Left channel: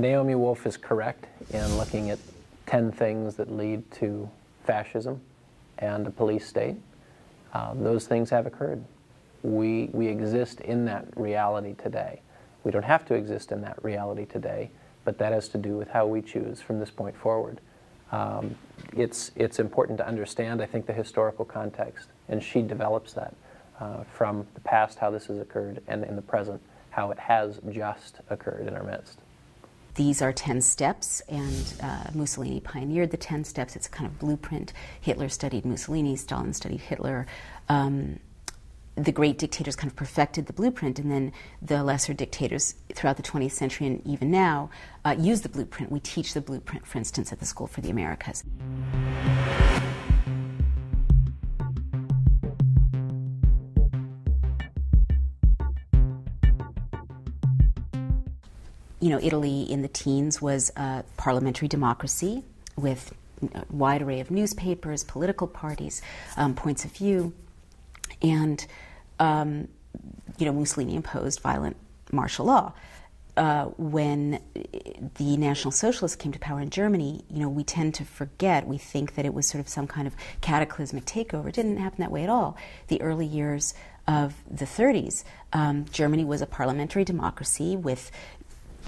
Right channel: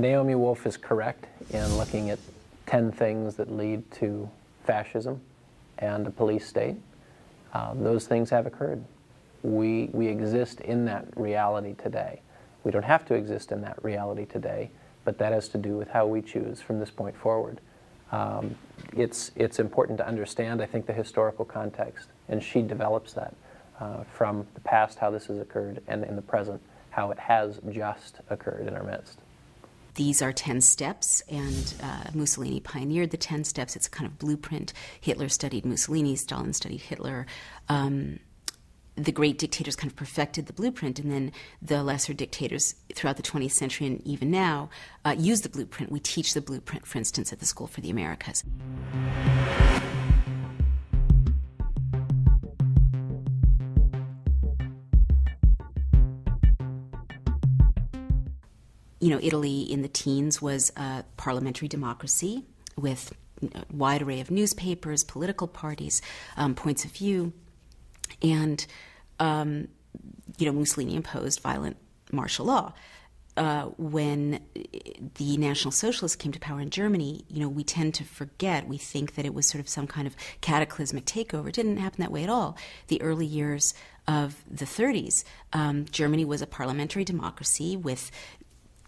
Naomi Wolf is correct in looking at 10 things that lead to fascism and a police state. Those things have occurred. We exist in that reality today. We don't have to exist in that reality today, but that has to do with how we choose from this point forward. It's important to understand, I think, the historical context, and she develops that from the past, how this has occurred, and in the present, how it has just occurred in our midst. These are 10 steps, and Mussolini pioneered the 10 steps. It's a kind of blueprint. Hitler studied Mussolini, Stalin studied Hitler. The great dictators kind of perfected the blueprint, and then the lesser dictators throughout the 20th century and even now use the blueprint. We teach the blueprint, for instance, at the School for the Americas. You know, Italy in the teens was a parliamentary democracy with a wide array of newspapers, political parties, points of view. And, you know, Mussolini imposed violent martial law. When the National Socialists came to power in Germany, you know, we tend to forget, we think that it was sort of some kind of cataclysmic takeover. It didn't happen that way at all. The early years of the 30s, Germany was a parliamentary democracy with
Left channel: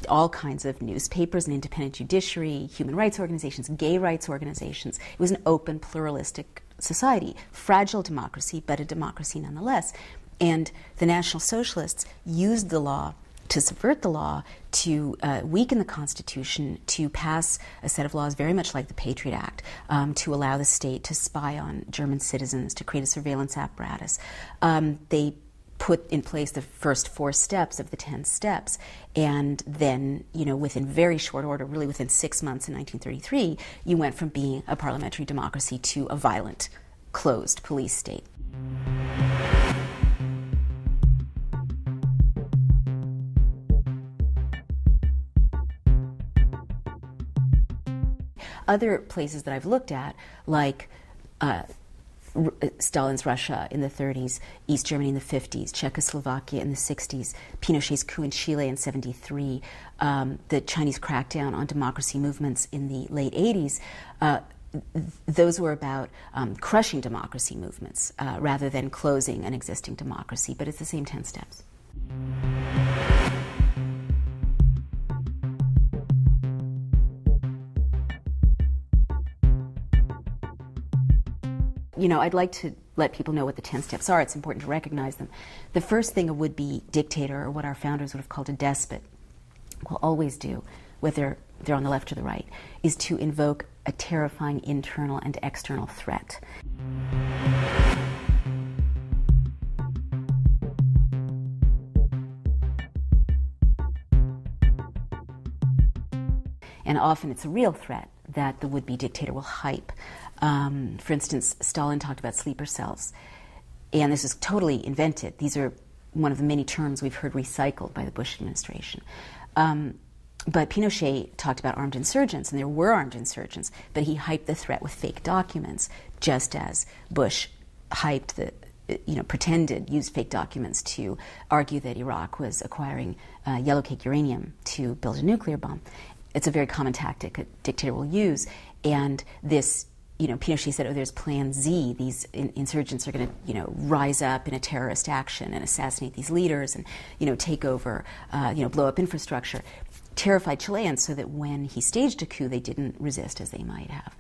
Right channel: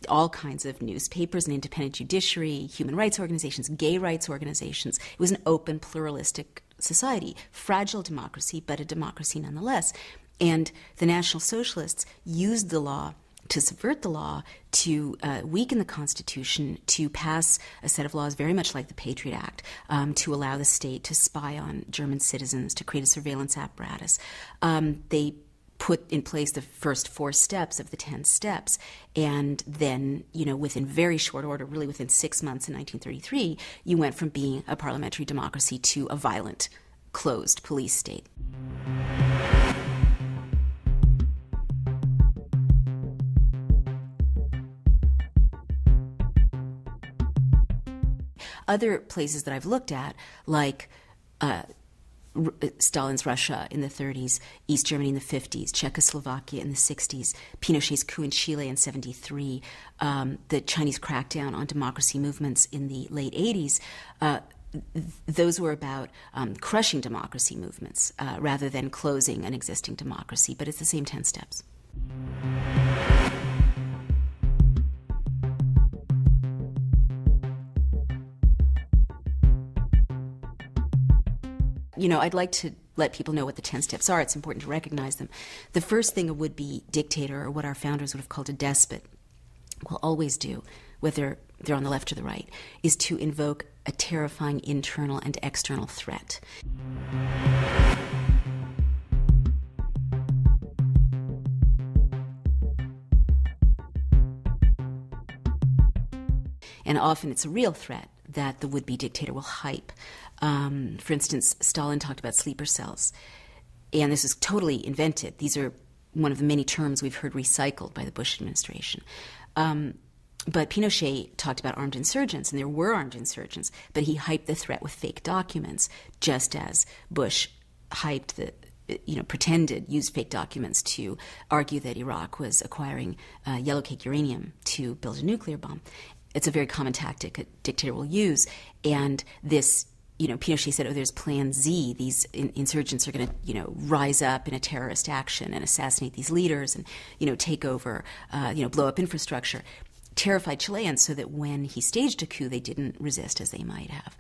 all kinds of newspapers, an independent judiciary, human rights organizations, gay rights organizations. It was an open, pluralistic society, fragile democracy, but a democracy nonetheless. And the National Socialists used the law to subvert the law, to weaken the Constitution, to pass a set of laws very much like the Patriot Act, to allow the state to spy on German citizens, to create a surveillance apparatus. They put in place the first 4 steps of the 10 steps. And then, you know, within very short order, really within 6 months in 1933, you went from being a parliamentary democracy to a violent, closed police state. Other places that I've looked at, like Stalin's Russia in the 30s, East Germany in the 50s, Czechoslovakia in the 60s, Pinochet's coup in Chile in 73, the Chinese crackdown on democracy movements in the late 80s, those were about crushing democracy movements rather than closing an existing democracy, but it's the same 10 steps. You know, I'd like to let people know what the 10 steps are. It's important to recognize them. The first thing a would-be dictator, or what our founders would have called a despot, will always do, whether they're on the left or the right, is to invoke a terrifying internal and external threat. And often it's a real threat that the would-be dictator will hype. For instance, Stalin talked about sleeper cells, and this is totally invented. These are one of the many terms we've heard recycled by the Bush administration. But Pinochet talked about armed insurgents, and there were armed insurgents, but he hyped the threat with fake documents, just as Bush hyped used fake documents to argue that Iraq was acquiring yellow-cake uranium to build a nuclear bomb. It's a very common tactic a dictator will use, and this, Pinochet said, there's Plan Z. These insurgents are going to, rise up in a terrorist action and assassinate these leaders and, take over, blow up infrastructure. Terrified Chileans so that when he staged a coup, they didn't resist as they might have.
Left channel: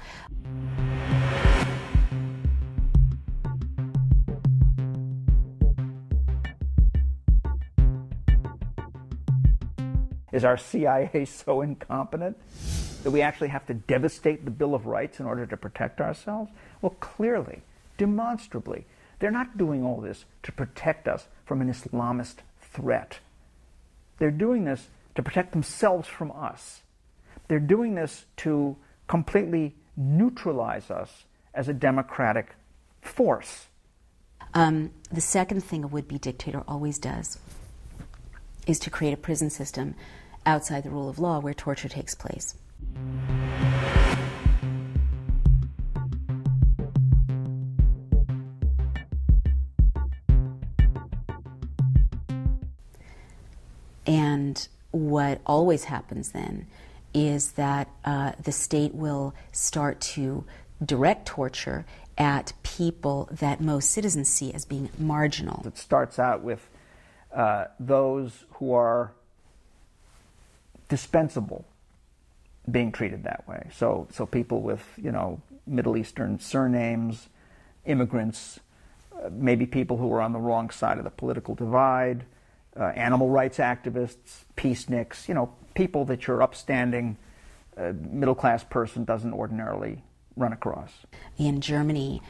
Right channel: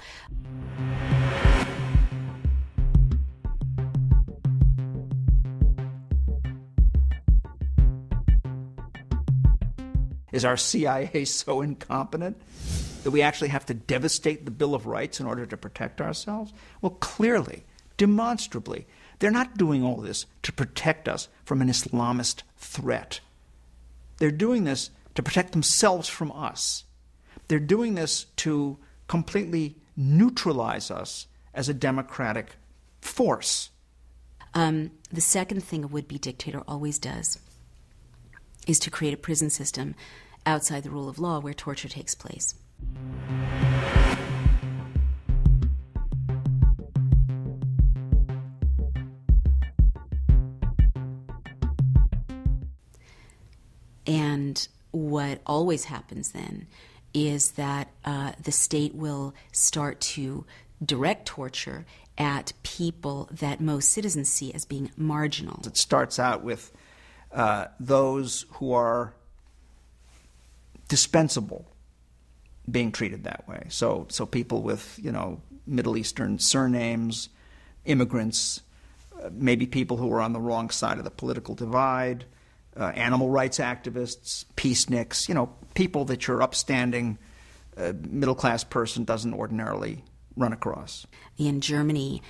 Is our CIA so incompetent that we actually have to devastate the Bill of Rights in order to protect ourselves? Well, clearly, demonstrably, they're not doing all this to protect us from an Islamist threat. They're doing this to protect themselves from us. They're doing this to completely neutralize us as a democratic force. The second thing a would-be dictator always does is to create a prison system outside the rule of law where torture takes place. And what always happens then is that the state will start to direct torture at people that most citizens see as being marginal. It starts out with those who are dispensable being treated that way. So people with, Middle Eastern surnames, immigrants, maybe people who are on the wrong side of the political divide, animal rights activists, peaceniks, people that your upstanding middle-class person doesn't ordinarily run across. In Germany,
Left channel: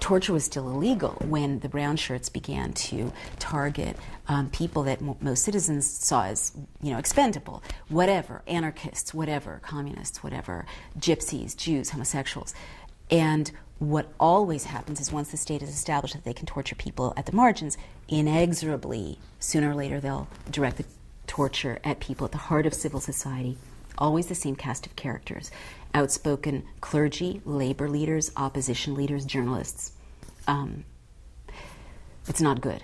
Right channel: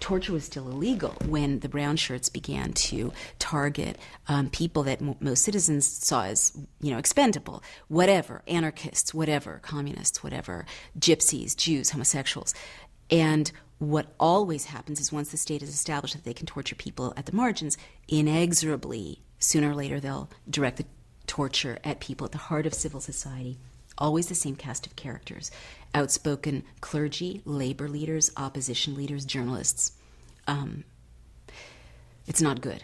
torture was still illegal when the brown shirts began to target people that most citizens saw as, expendable, whatever, anarchists, whatever, communists, whatever, gypsies, Jews, homosexuals. And what always happens is once the state is established that they can torture people at the margins, inexorably, sooner or later they'll direct the torture at people at the heart of civil society. Always the same cast of characters. Outspoken clergy, labor leaders, opposition leaders, journalists. It's not good.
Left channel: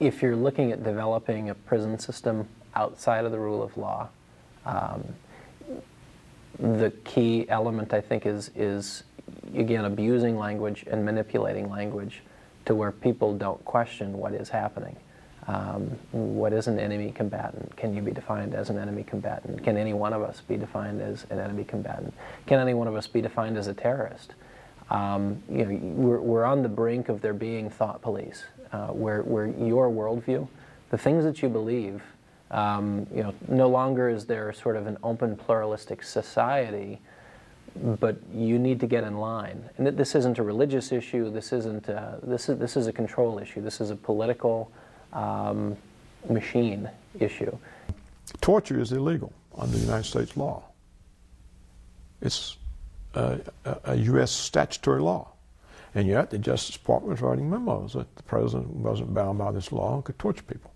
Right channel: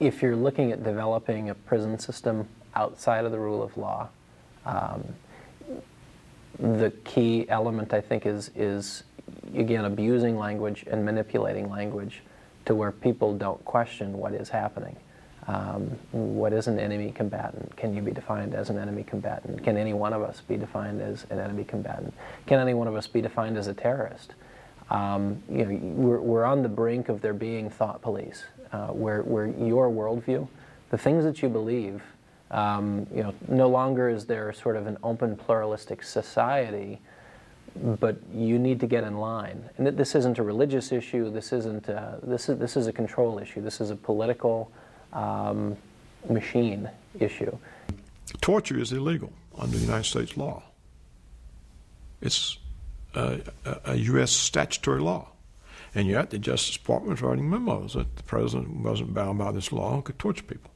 If you're looking at developing a prison system outside of the rule of law, the key element, I think, is again, abusing language and manipulating language to where people don't question what is happening. What is an enemy combatant? Can you be defined as an enemy combatant? Can any one of us be defined as an enemy combatant? Can any one of us be defined as a terrorist? We're on the brink of there being thought police, where your worldview, the things that you believe, no longer is there sort of an open pluralistic society, but you need to get in line. And this isn't a religious issue. This isn't. This is a control issue. This is a political machine issue. Torture is illegal under United States law. It's a U.S. statutory law. And yet the Justice Department was writing memos that the president wasn't bound by this law and could torture people.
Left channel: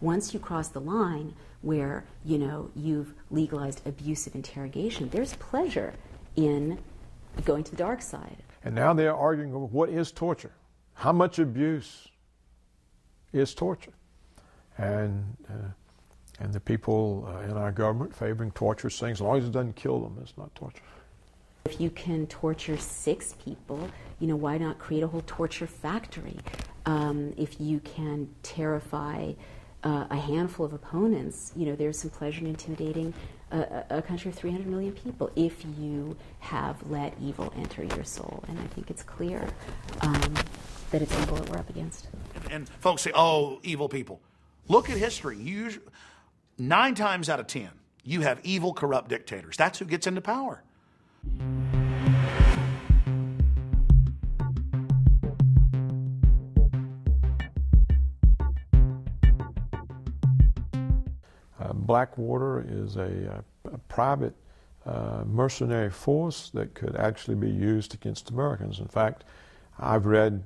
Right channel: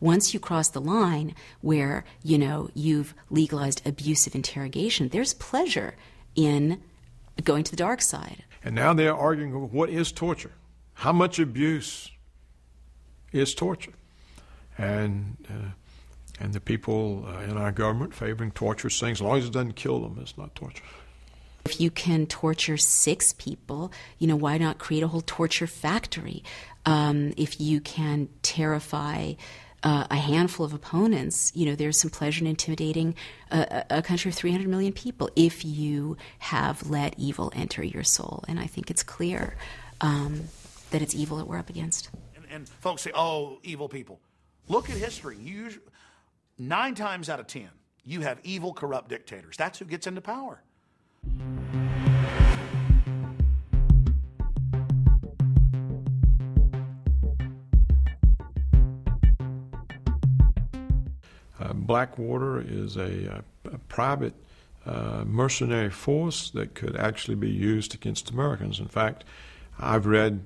Once you cross the line where, you've legalized abusive interrogation, there's pleasure in going to the dark side. And now they're arguing, what is torture? How much abuse is torture? And the people in our government favoring torture saying, as long as it doesn't kill them, it's not torture. If you can torture 6 people, why not create a whole torture factory? If you can terrify a handful of opponents, there's some pleasure in intimidating a country of 300 million people if you have let evil enter your soul. And I think it's clear that it's evil that we're up against. And folks say, oh, evil people. Look at history. 9 times out of 10, you have evil, corrupt dictators. That's who gets into power. Blackwater is a private mercenary force that could actually be used against Americans. In fact, I've read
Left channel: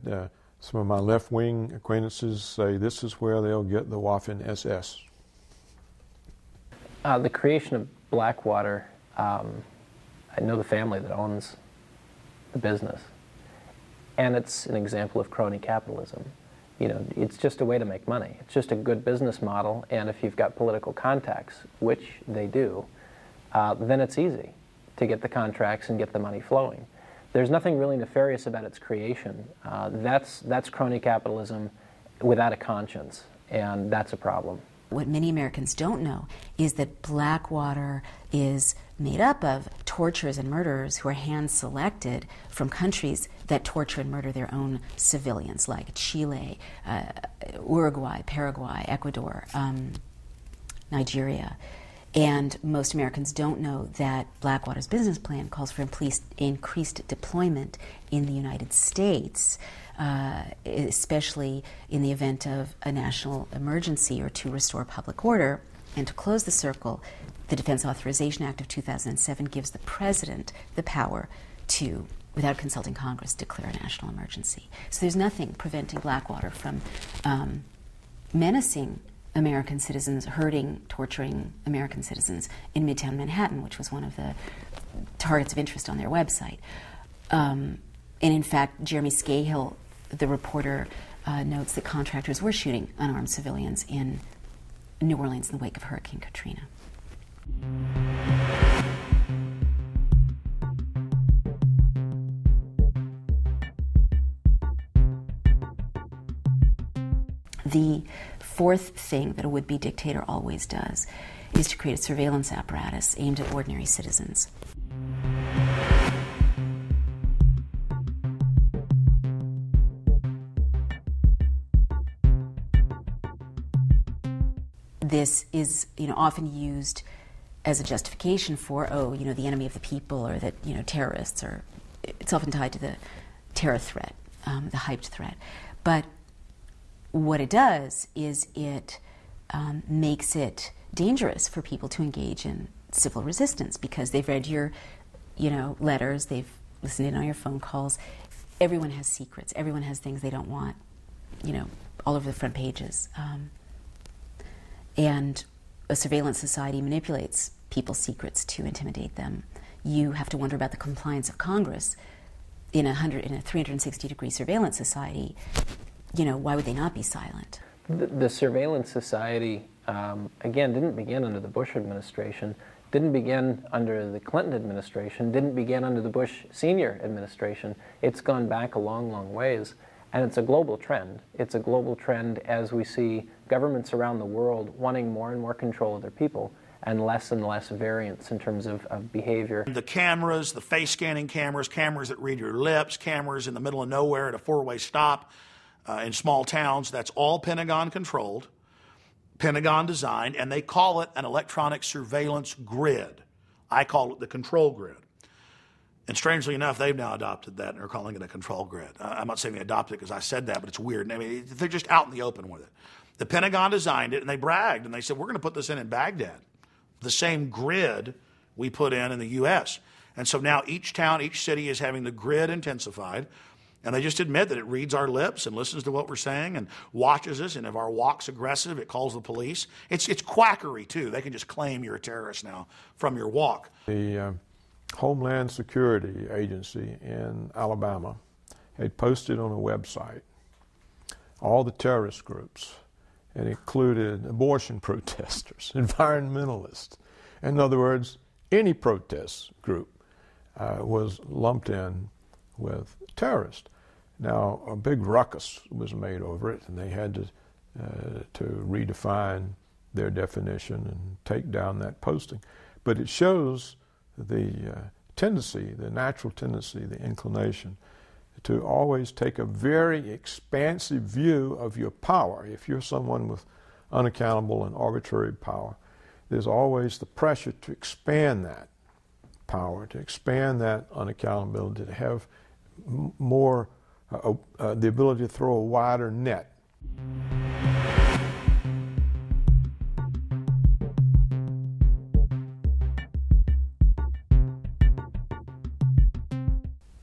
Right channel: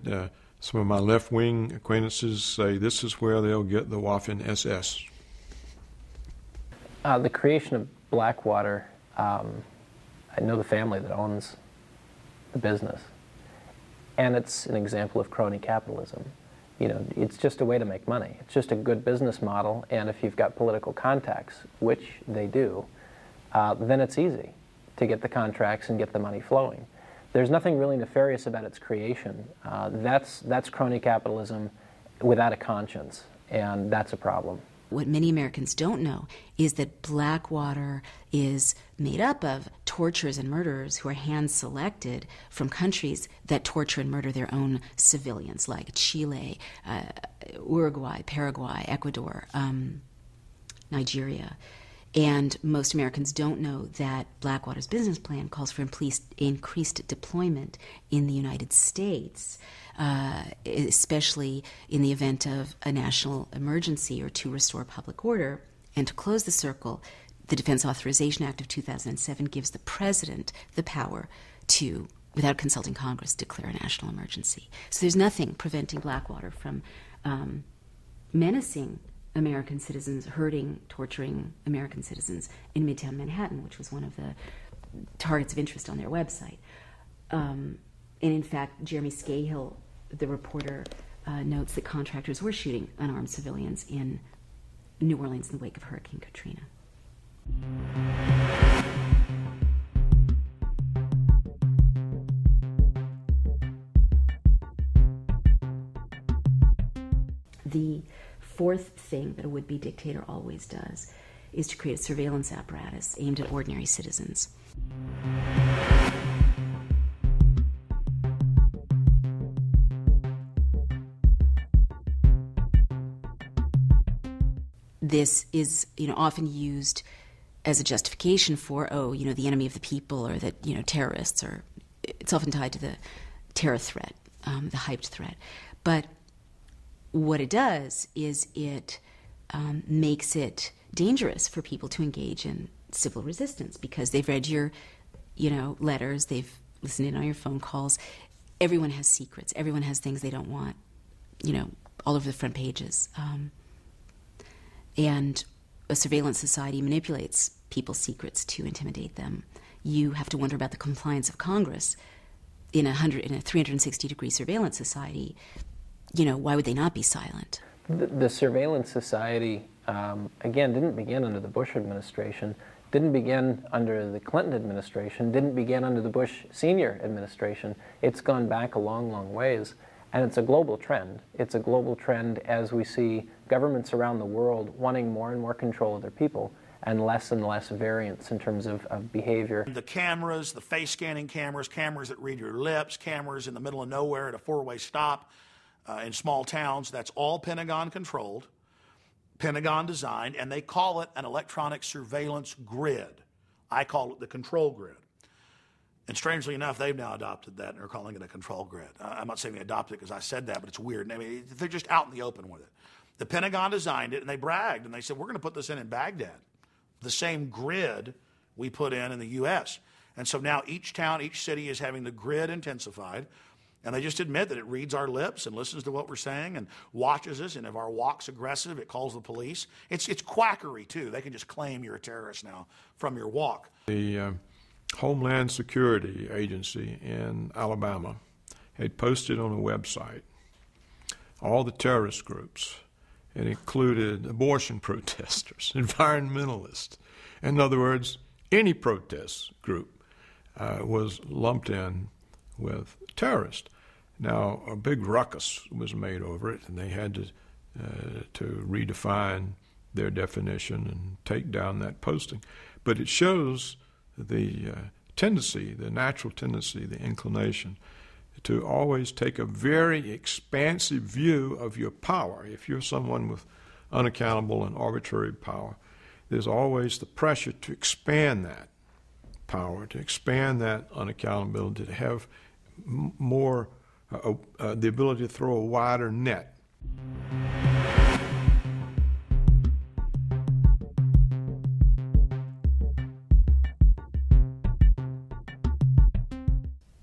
some of my left-wing acquaintances say this is where they'll get the Waffen SS. The creation of Blackwater, I know the family that owns the business, and it's an example of crony capitalism. It's just a way to make money. It's just a good business model, and if you've got political contacts, which they do, then it's easy to get the contracts and get the money flowing. There's nothing really nefarious about its creation. That's crony capitalism without a conscience, and that's a problem. What many Americans don't know is that Blackwater is made up of torturers and murderers who are hand-selected from countries that torture and murder their own civilians, like Chile, Uruguay, Paraguay, Ecuador, Nigeria. And most Americans don't know that Blackwater's business plan calls for increased deployment in the United States, especially in the event of a national emergency or to restore public order. And to close the circle, the Defense Authorization Act of 2007 gives the president the power to without consulting Congress, declare a national emergency. So there's nothing preventing Blackwater from menacing American citizens, hurting, torturing American citizens in Midtown Manhattan, which was one of the targets of interest on their website. And in fact, Jeremy Scahill, the reporter, notes that contractors were shooting unarmed civilians in New Orleans in the wake of Hurricane Katrina. The fourth thing that a would-be dictator always does is to create a surveillance apparatus aimed at ordinary citizens. This is, often used as a justification for, the enemy of the people, or that, terrorists, or it's often tied to the terror threat, the hyped threat. But what it does is it makes it dangerous for people to engage in civil resistance, because they've read your, letters, they've listened in on your phone calls. Everyone has secrets. Everyone has things they don't want, all over the front pages. And a surveillance society manipulates people's secrets to intimidate them. You have to wonder about the compliance of Congress in a 360-degree surveillance society. Why would they not be silent? The surveillance society, again, didn't begin under the Bush administration, didn't begin under the Clinton administration, didn't begin under the Bush senior administration. It's gone back a long, long ways. And it's a global trend. It's a global trend as we see governments around the world wanting more and more control of their people and less variance in terms of behavior. The cameras, the face scanning cameras, cameras that read your lips, cameras in the middle of nowhere at a four-way stop in small towns, that's all Pentagon controlled, Pentagon designed, and they call it an electronic surveillance grid. I call it the control grid. And strangely enough, they've now adopted that and are calling it a control grid. I'm not saying they adopted it because I said that, but it's weird. I mean, they're just out in the open with it. The Pentagon designed it, and they bragged, and they said, we're going to put this in Baghdad, the same grid we put in the U.S. And so now each town, each city is having the grid intensified, and they just admit that it reads our lips and listens to what we're saying and watches us, and if our walk's aggressive, it calls the police. It's quackery, too. They can just claim you're a terrorist now from your walk. The Homeland Security Agency in Alabama had posted on a website all the terrorist groups. It included abortion protesters, environmentalists. In other words, any protest group was lumped in with terrorists. Now, a big ruckus was made over it, and they had to redefine their definition and take down that posting. But it shows the tendency, the natural tendency, the inclination to always take a very expansive view of your power. If you're someone with unaccountable and arbitrary power, there's always the pressure to expand that power, to expand that unaccountability, to have more, the ability to throw a wider net.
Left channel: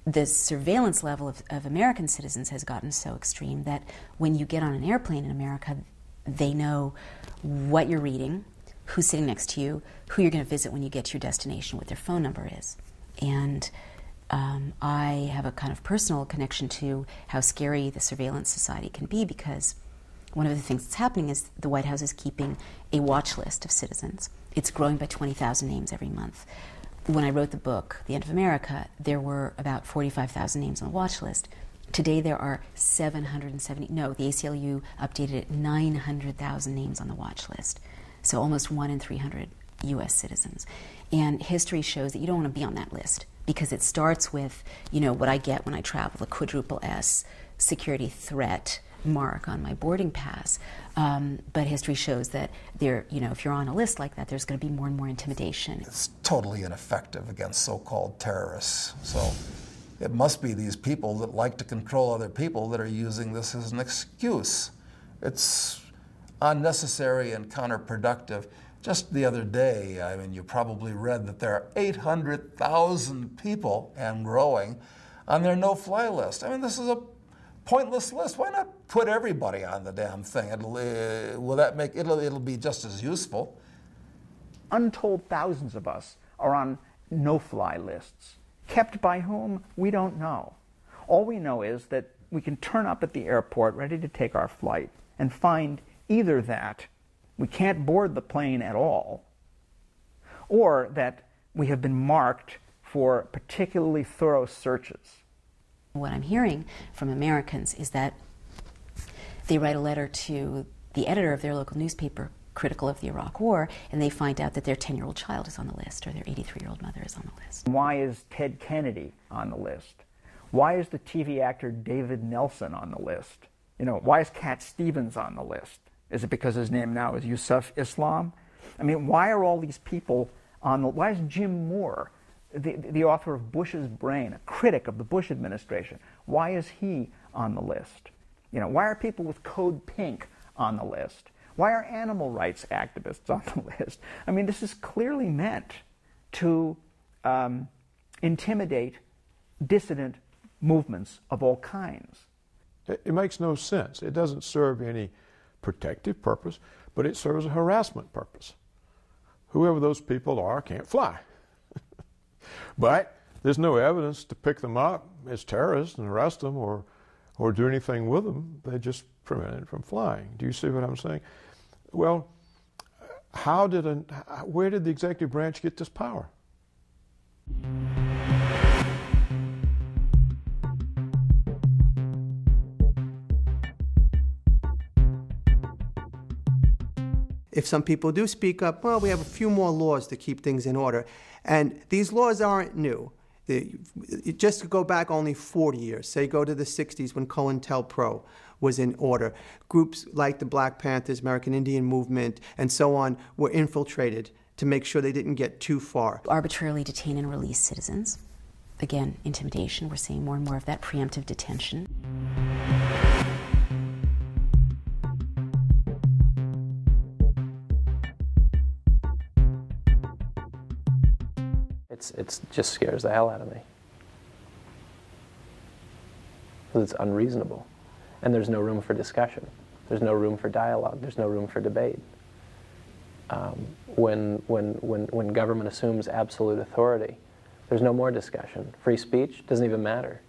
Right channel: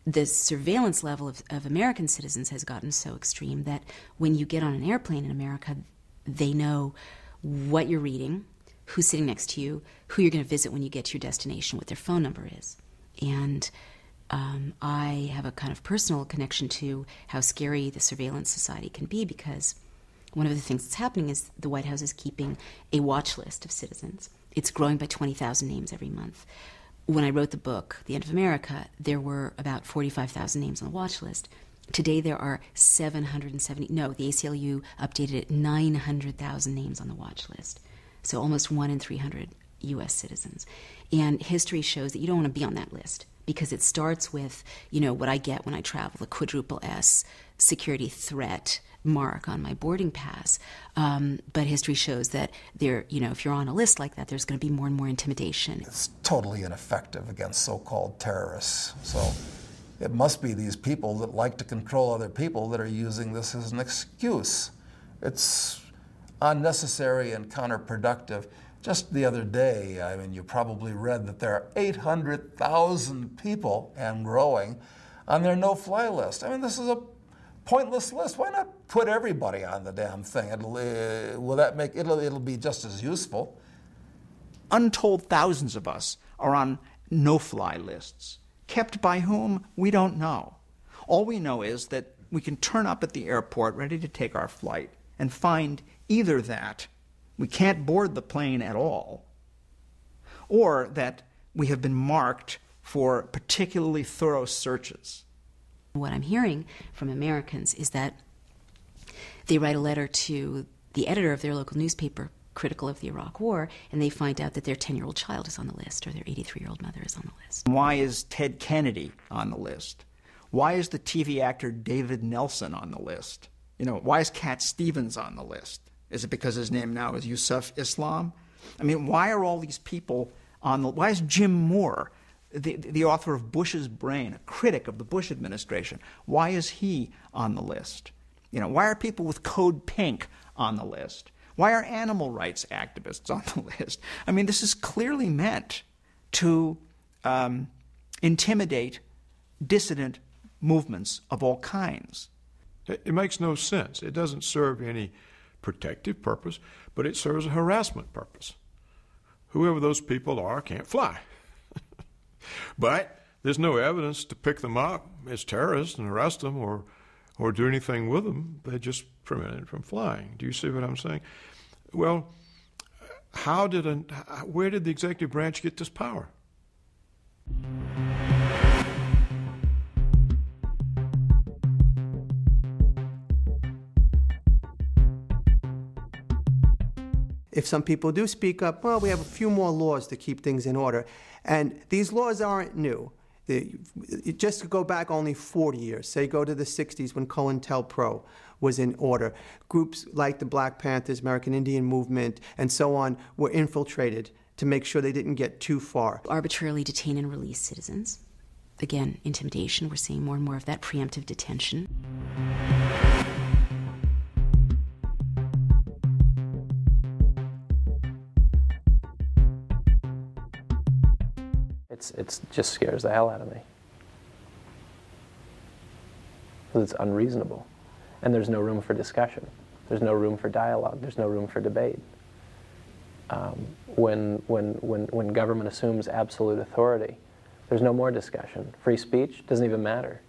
The surveillance level of American citizens has gotten so extreme that when you get on an airplane in America, they know what you're reading, who's sitting next to you, who you're going to visit when you get to your destination, what their phone number is. And I have a kind of personal connection to how scary the surveillance society can be, because one of the things that's happening is the White House is keeping a watch list of citizens. It's growing by 20,000 names every month. When I wrote the book, The End of America, there were about 45,000 names on the watch list. Today there are 770, no, the ACLU updated it, 900,000 names on the watch list. So almost 1 in 300 U.S. citizens. And history shows that you don't want to be on that list, because it starts with, what I get when I travel, the quadruple S security threat mark on my boarding pass. But history shows that if you're on a list like that, there's going to be more and more intimidation. It's totally ineffective against so-called terrorists. So it must be these people that like to control other people that are using this as an excuse. It's unnecessary and counterproductive. Just the other day, you probably read that there are 800,000 people, and growing, on their no-fly list. I mean, this is a pointless list. Why not put everybody on the damn thing? It'll be just as useful. Untold thousands of us are on no-fly lists. Kept by whom? We don't know. All we know is that we can turn up at the airport ready to take our flight and find either that we can't board the plane at all, or that we have been marked for particularly thorough searches. What I'm hearing from Americans is that they write a letter to the editor of their local newspaper critical of the Iraq War, and they find out that their 10-year-old child is on the list, or their 83-year-old mother is on the list. Why is Ted Kennedy on the list? Why is the TV actor David Nelson on the list? You know, why is Cat Stevens on the list? Is it because his name now is Yusuf Islam? I mean, why are all these people on the... Why is Jim Moore, the author of Bush's Brain, a critic of the Bush administration, why is he on the list? You know, why are people with Code Pink on the list? Why are animal rights activists on the list? I mean, this is clearly meant to intimidate dissident movements of all kinds. It makes no sense. It doesn't serve any protective purpose, but it serves a harassment purpose. Whoever those people are can't fly. But there's no evidence to pick them up as terrorists and arrest them or do anything with them. They just prevent it from flying. Do you see what I'm saying? Well, where did the executive branch get this power? If some people do speak up, well, we have a few more laws to keep things in order. And these laws aren't new. Just to go back only 40 years, say go to the 60s when COINTELPRO was in order. Groups like the Black Panthers, American Indian Movement, and so on were infiltrated to make sure they didn't get too far. Arbitrarily detain and release citizens. Again, intimidation. We're seeing more and more of that preemptive detention. It just scares the hell out of me. Because it's unreasonable. And there's no room for discussion. There's no room for dialogue. There's no room for debate. When government assumes absolute authority, there's no more discussion. Free speech doesn't even matter.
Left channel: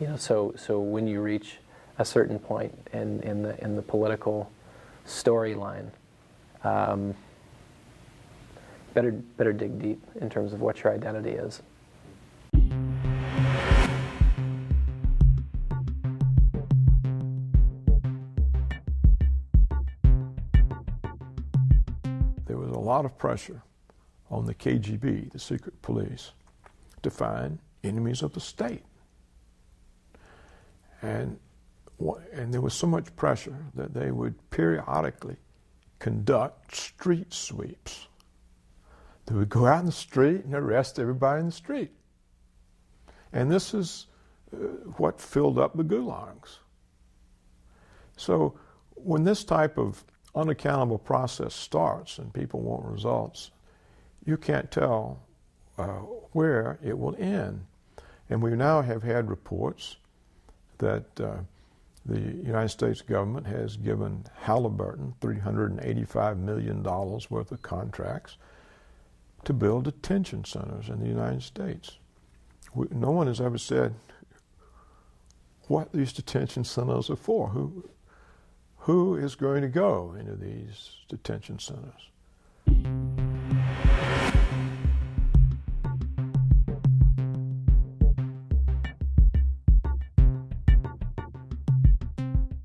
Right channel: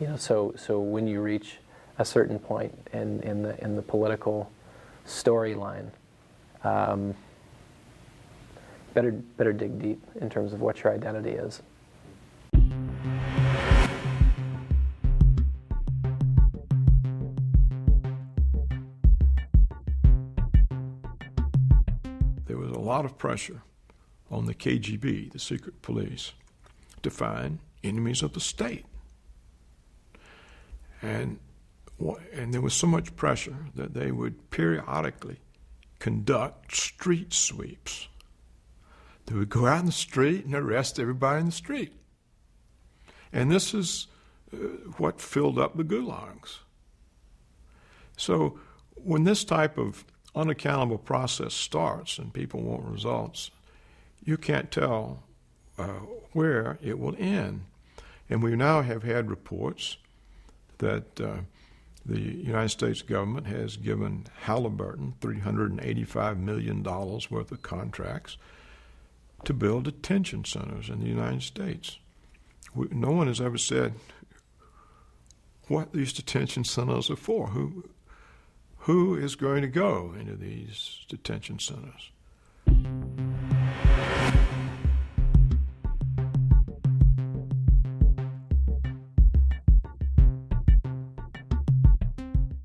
You know, so when you reach a certain point in the political storyline, better dig deep in terms of what your identity is. There was a lot of pressure on the KGB, the secret police, to find enemies of the state. And there was so much pressure that they would periodically conduct street sweeps. They would go out in the street and arrest everybody in the street. And this is what filled up the gulags. So when this type of unaccountable process starts and people want results, you can't tell where it will end. And we now have had reports that the United States government has given Halliburton $385 million worth of contracts to build detention centers in the United States. No one has ever said what these detention centers are for. Who is going to go into these detention centers?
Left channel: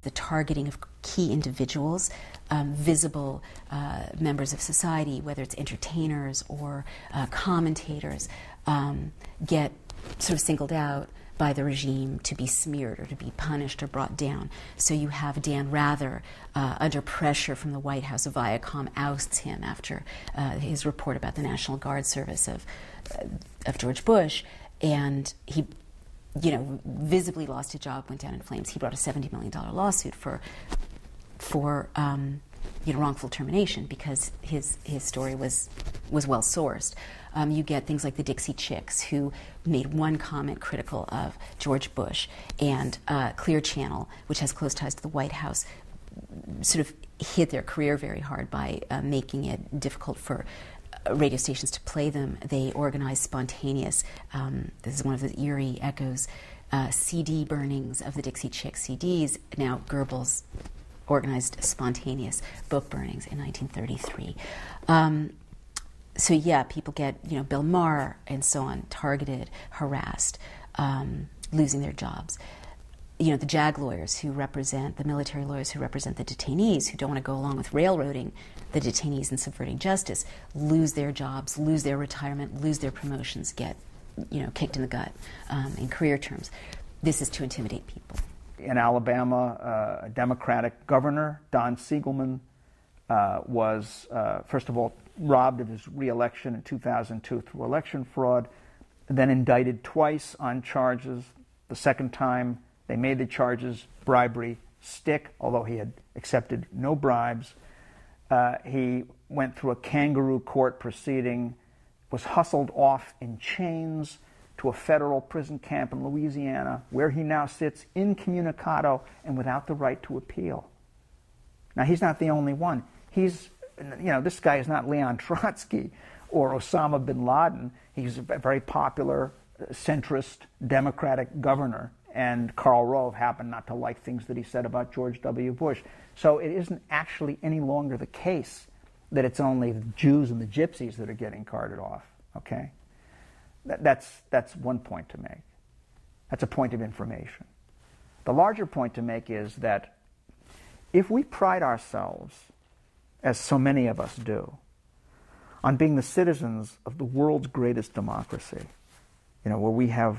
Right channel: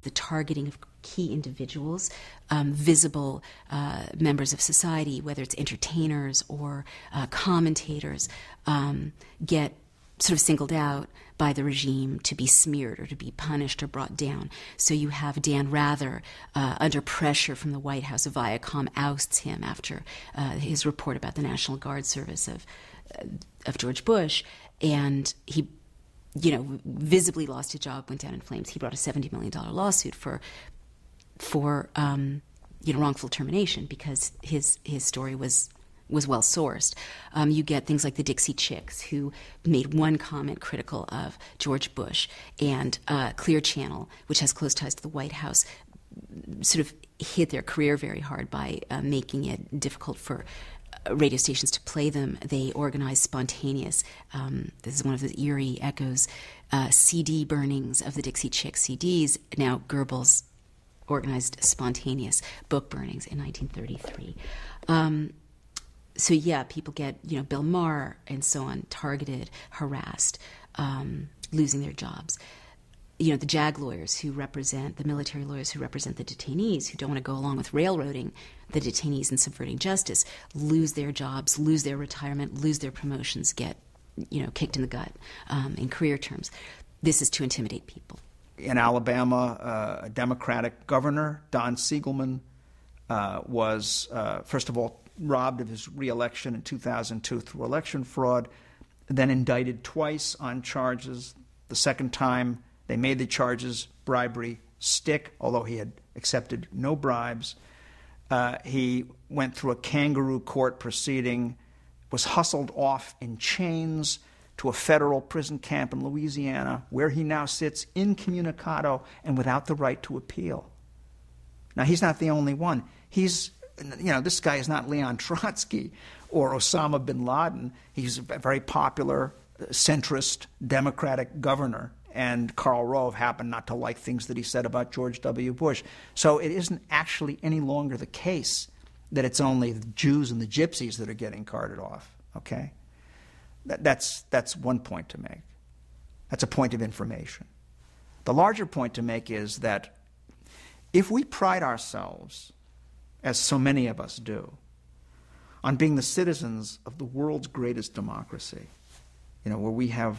The targeting of key individuals, visible members of society, whether it's entertainers or commentators, get sort of singled out by the regime to be smeared or to be punished or brought down. So you have Dan Rather under pressure from the White House. Viacom ousts him after his report about the National Guard service of George Bush, and he, you know, visibly lost his job, went down in flames. He brought a $70 million lawsuit for wrongful termination because his story was was well sourced. You get things like the Dixie Chicks, who made one comment critical of George Bush, and Clear Channel, which has close ties to the White House, sort of hit their career very hard by making it difficult for radio stations to play them. They organized spontaneous, this is one of the eerie echoes, CD burnings of the Dixie Chicks CDs. Now Goebbels organized spontaneous book burnings in 1933. So yeah, people get, Bill Maher and so on, targeted, harassed, losing their jobs. The JAG lawyers who represent, the military lawyers who represent the detainees, who don't want to go along with railroading the detainees and subverting justice, lose their jobs, lose their retirement, lose their promotions, get, kicked in the gut in career terms. This is to intimidate people. In Alabama, a Democratic governor, Don Siegelman, was, first of all, robbed of his re-election in 2002 through election fraud, then indicted twice on charges. The second time, they made the charges, bribery, stick, although he had accepted no bribes. He went through a kangaroo court proceeding, was hustled off in chains to a federal prison camp in Louisiana, where he now sits incommunicado and without the right to appeal. Now, he's not the only one. This guy is not Leon Trotsky or Osama bin Laden. He's a very popular, centrist, Democratic governor. And Karl Rove happened not to like things that he said about George W. Bush. So it isn't actually any longer the case that it's only the Jews and the Gypsies that are getting carted off, okay? That's one point to make. That's a point of information. The larger point to make is that if we pride ourselves, as so many of us do, on being the citizens of the world's greatest democracy, where we have,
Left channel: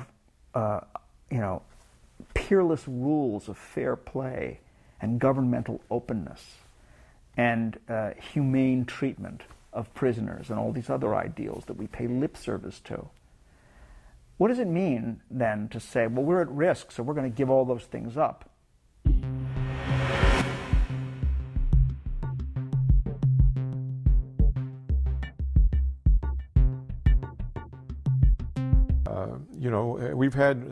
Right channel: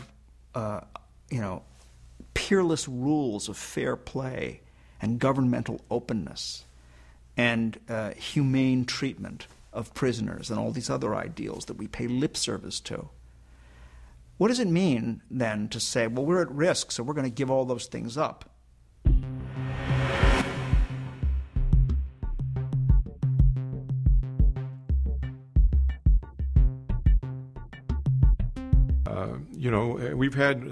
peerless rules of fair play and governmental openness and humane treatment of prisoners and all these other ideals that we pay lip service to. What does it mean then to say, well, we're at risk, so we're going to give all those things up? We've had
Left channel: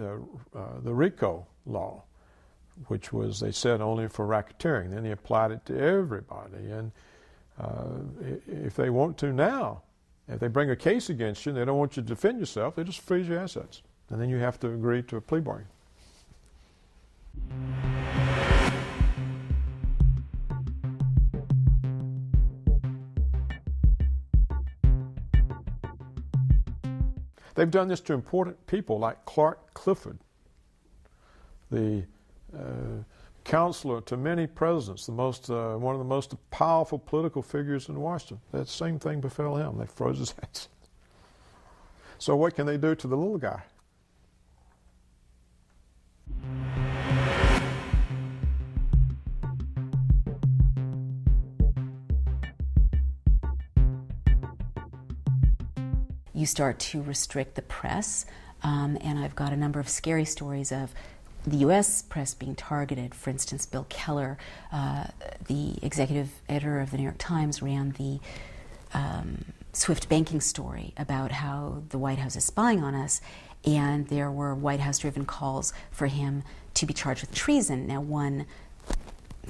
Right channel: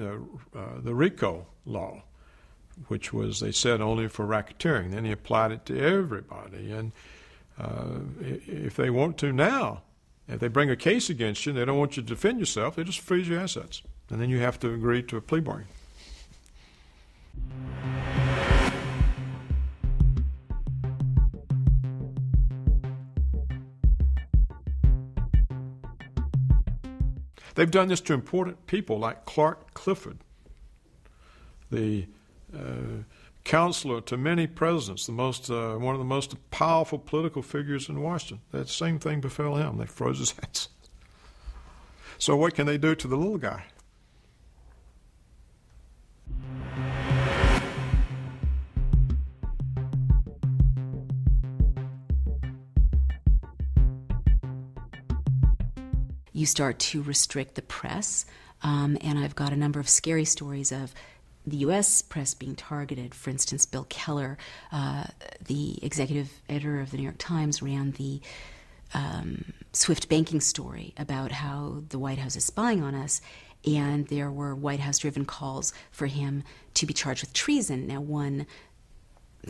the RICO law, which was, they said, only for racketeering. Then he applied it to everybody. And if they want to now, if they bring a case against you, they don't want you to defend yourself, they just freeze your assets. And then you have to agree to a plea bargain. They've done this to important people like Clark Clifford, the counselor to many presidents, one of the most powerful political figures in Washington. That same thing befell him. They froze his hands. So what can they do to the little guy? You start to restrict the press, and I've got a number of scary stories of the U.S. press being targeted. For instance, Bill Keller, the executive editor of the New York Times, ran the Swift banking story about how the White House is spying on us, and there were White House-driven calls for him to be charged with treason. Now, one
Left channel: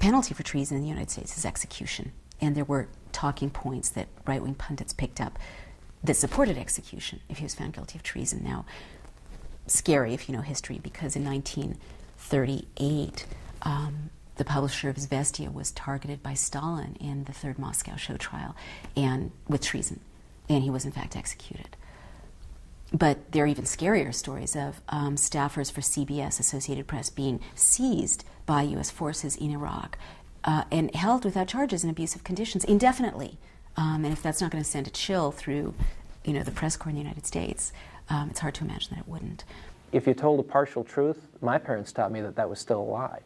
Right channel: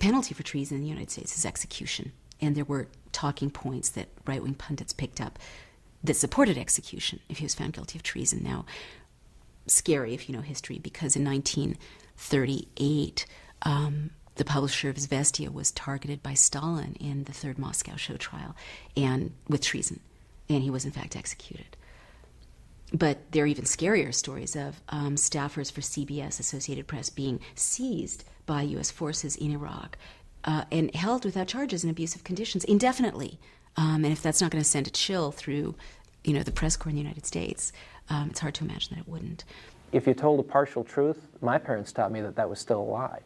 penalty for treason in the United States is execution, and there were talking points that right-wing pundits picked up that supported execution if he was found guilty of treason. Now, scary if you know history, because in 1938, the publisher of Izvestia was targeted by Stalin in the Third Moscow show trial, and with treason, and he was in fact executed. But there are even scarier stories of staffers for CBS, Associated Press, being seized by U.S. forces in Iraq and held without charges in abusive conditions indefinitely. And if that's not going to send a chill through, the press corps in the United States, it's hard to imagine that it wouldn't. If you told a partial truth, my parents taught me that that was still a lie.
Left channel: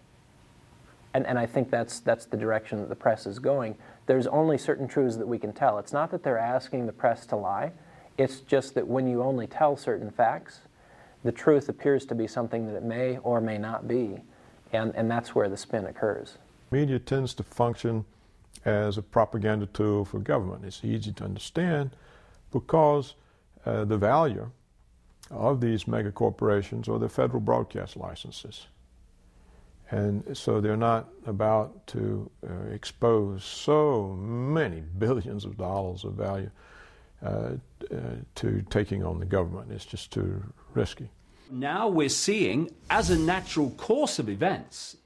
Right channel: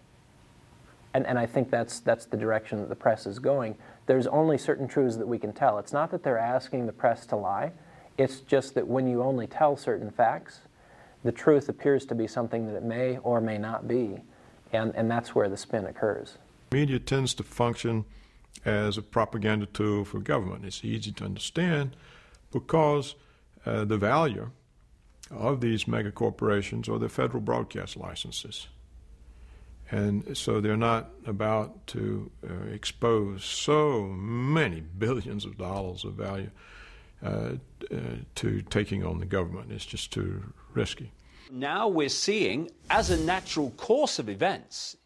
And I think that's the direction that the press is going. There's only certain truths that we can tell. It's not that they're asking the press to lie. It's just that when you only tell certain facts, the truth appears to be something that it may or may not be. And that's where the spin occurs. Media tends to function as a propaganda tool for government. It's easy to understand. because the value of these mega corporations are the federal broadcast licenses. And so they're not about to expose so many billions of dollars of value to taking on the government. It's just too risky. Now we're seeing, as a natural course of events,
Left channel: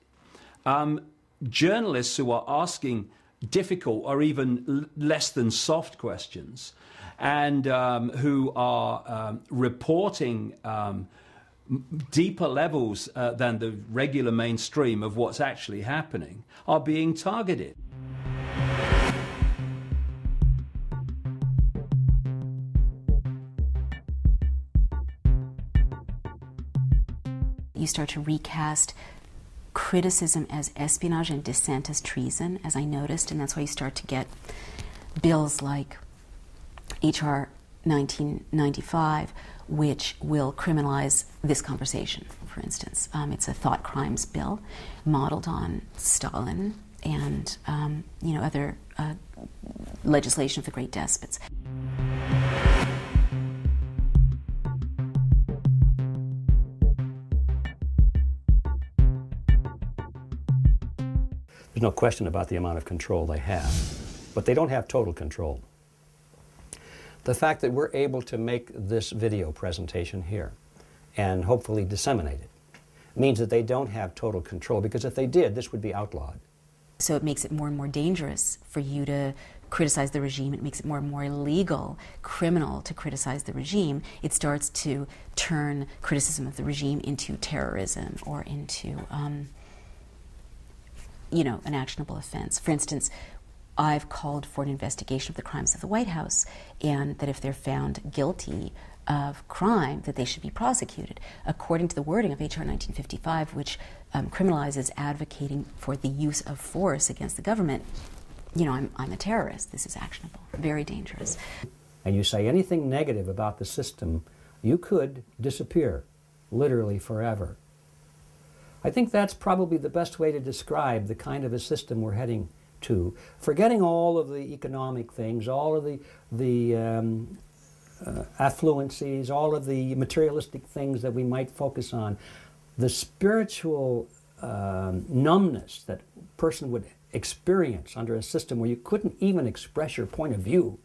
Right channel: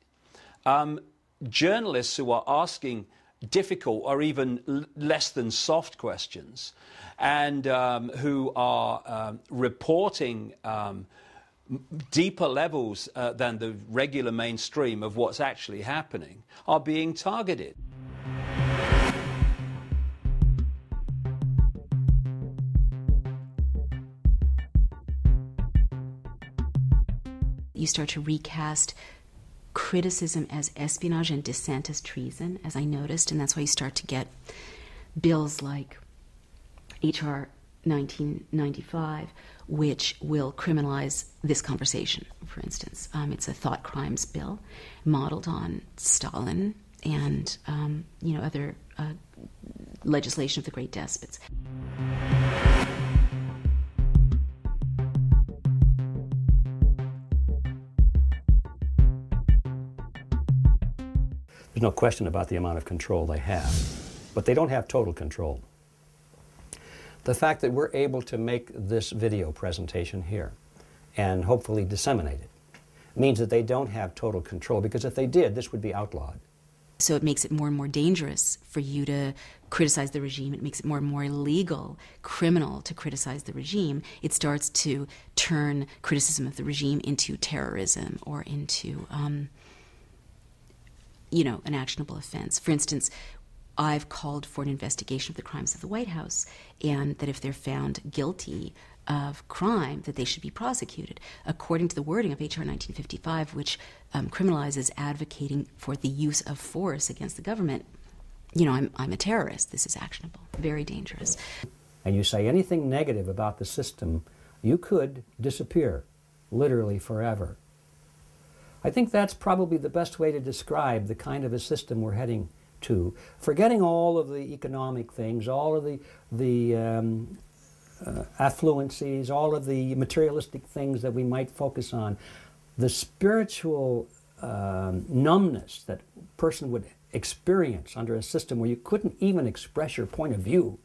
journalists who are asking difficult or even less than soft questions, and who are reporting deeper levels than the regular mainstream of what's actually happening, are being targeted. You start to recast criticism as espionage and dissent as treason, as I noticed, and that's why you start to get bills like H.R. 1995, which will criminalize this conversation, for instance. It's a thought crimes bill modeled on Stalin and other legislation of the great despots. There's no question about the amount of control they have, but they don't have total control. The fact that we're able to make this video presentation here and hopefully disseminate it means that they don't have total control, because if they did, this would be outlawed. So it makes it more and more dangerous for you to criticize the regime. It makes it more and more illegal, criminal to criticize the regime. It starts to turn criticism of the regime into terrorism or into an actionable offense. For instance, I've called for an investigation of the crimes of the White House, and that if they're found guilty of crime, that they should be prosecuted, according to the wording of H.R. 1955, which criminalizes advocating for the use of force against the government. I'm a terrorist. This is actionable. Very dangerous. And you say anything negative about the system, you could disappear, literally forever. I think that's probably the best way to describe the kind of a system we're heading to, forgetting all of the economic things, all of the affluencies, all of the materialistic things that we might focus on. The spiritual numbness that a person would experience under a system where you couldn't even express your point of view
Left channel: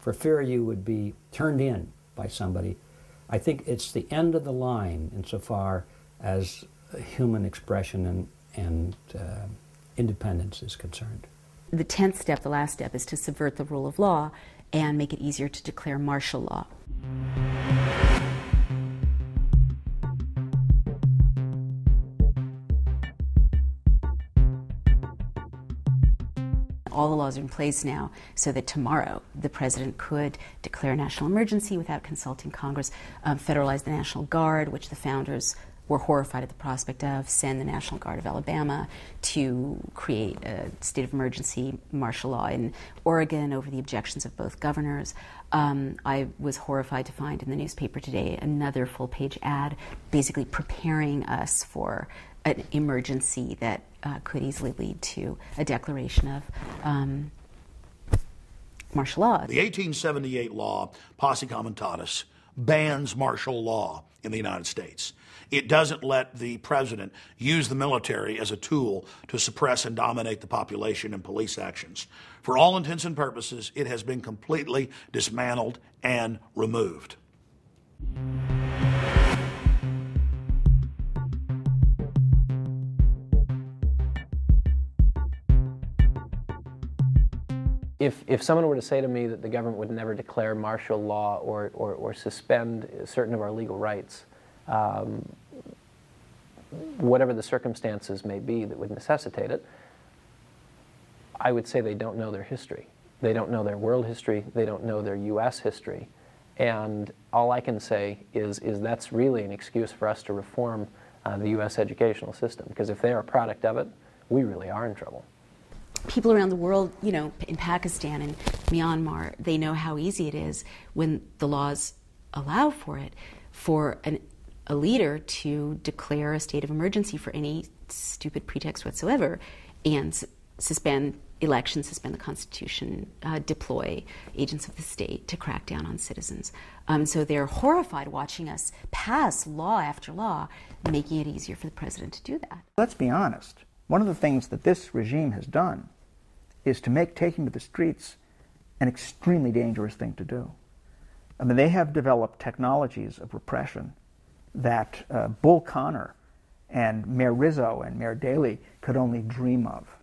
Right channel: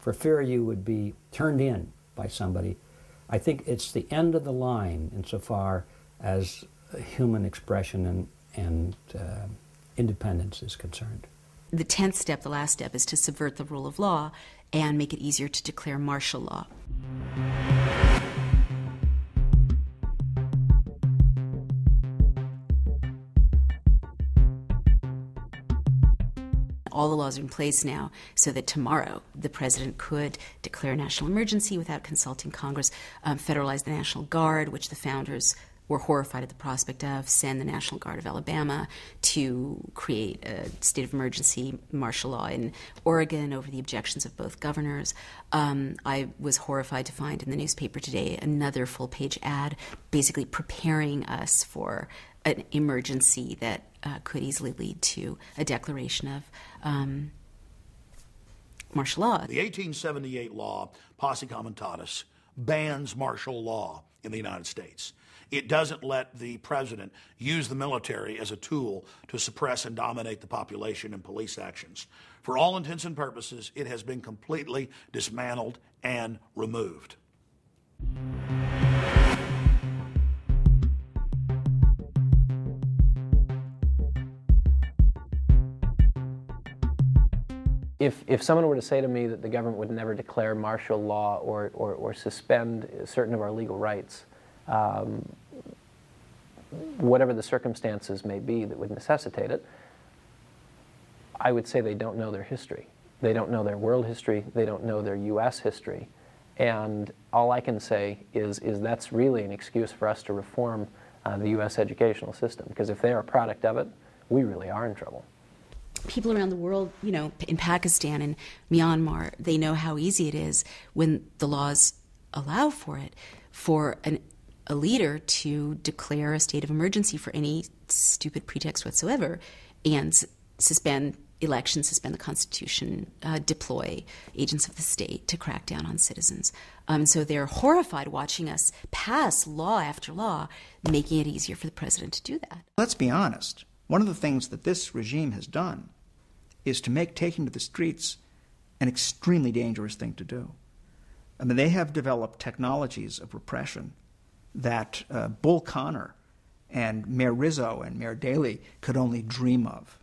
for fear you would be turned in by somebody. I think it's the end of the line insofar as human expression and independence is concerned. The 10th step, the last step, is to subvert the rule of law and make it easier to declare martial law. All the laws are in place now so that tomorrow the president could declare a national emergency without consulting Congress, federalize the National Guard, which the founders were horrified at the prospect of, send the National Guard of Alabama to create a state of emergency martial law in Oregon over the objections of both governors. I was horrified to find in the newspaper today another full-page ad basically preparing us for an emergency that could easily lead to a declaration of martial law. The 1878 law, Posse Comitatus, bans martial law in the United States. It doesn't let the president use the military as a tool to suppress and dominate the population in police actions. For all intents and purposes, it has been completely dismantled and removed. If someone were to say to me that the government would never declare martial law or suspend certain of our legal rights, whatever the circumstances may be that would necessitate it, I would say they don't know their history. They don't know their world history. They don't know their U.S. history. And all I can say is that's really an excuse for us to reform the U.S. educational system, because if they are a product of it, we really are in trouble. People around the world, in Pakistan and Myanmar, they know how easy it is when the laws allow for it, for a leader to declare a state of emergency for any stupid pretext whatsoever and suspend elections, suspend the Constitution, deploy agents of the state to crack down on citizens. So they're horrified watching us pass law after law, making it easier for the president to do that. Let's be honest. One of the things that this regime has done is to make taking to the streets an extremely dangerous thing to do. I mean, they have developed technologies of repression that Bull Connor and Mayor Rizzo and Mayor Daley could only dream of.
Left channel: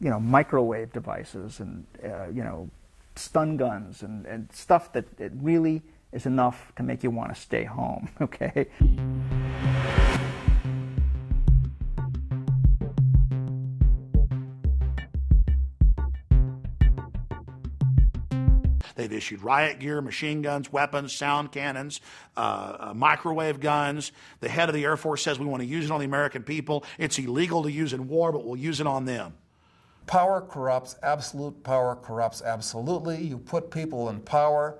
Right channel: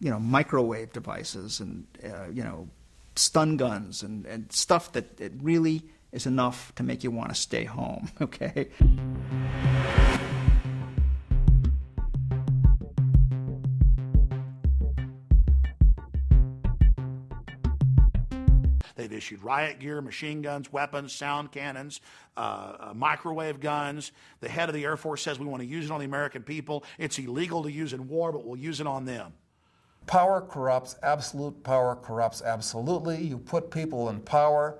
You know, microwave devices and, you know, stun guns and stuff that it really is enough to make you want to stay home, okay? They've issued riot gear, machine guns, weapons, sound cannons, microwave guns. The head of the Air Force says we want to use it on the American people. It's illegal to use in war, but we'll use it on them. Power corrupts. Absolute power corrupts absolutely. You put people in power,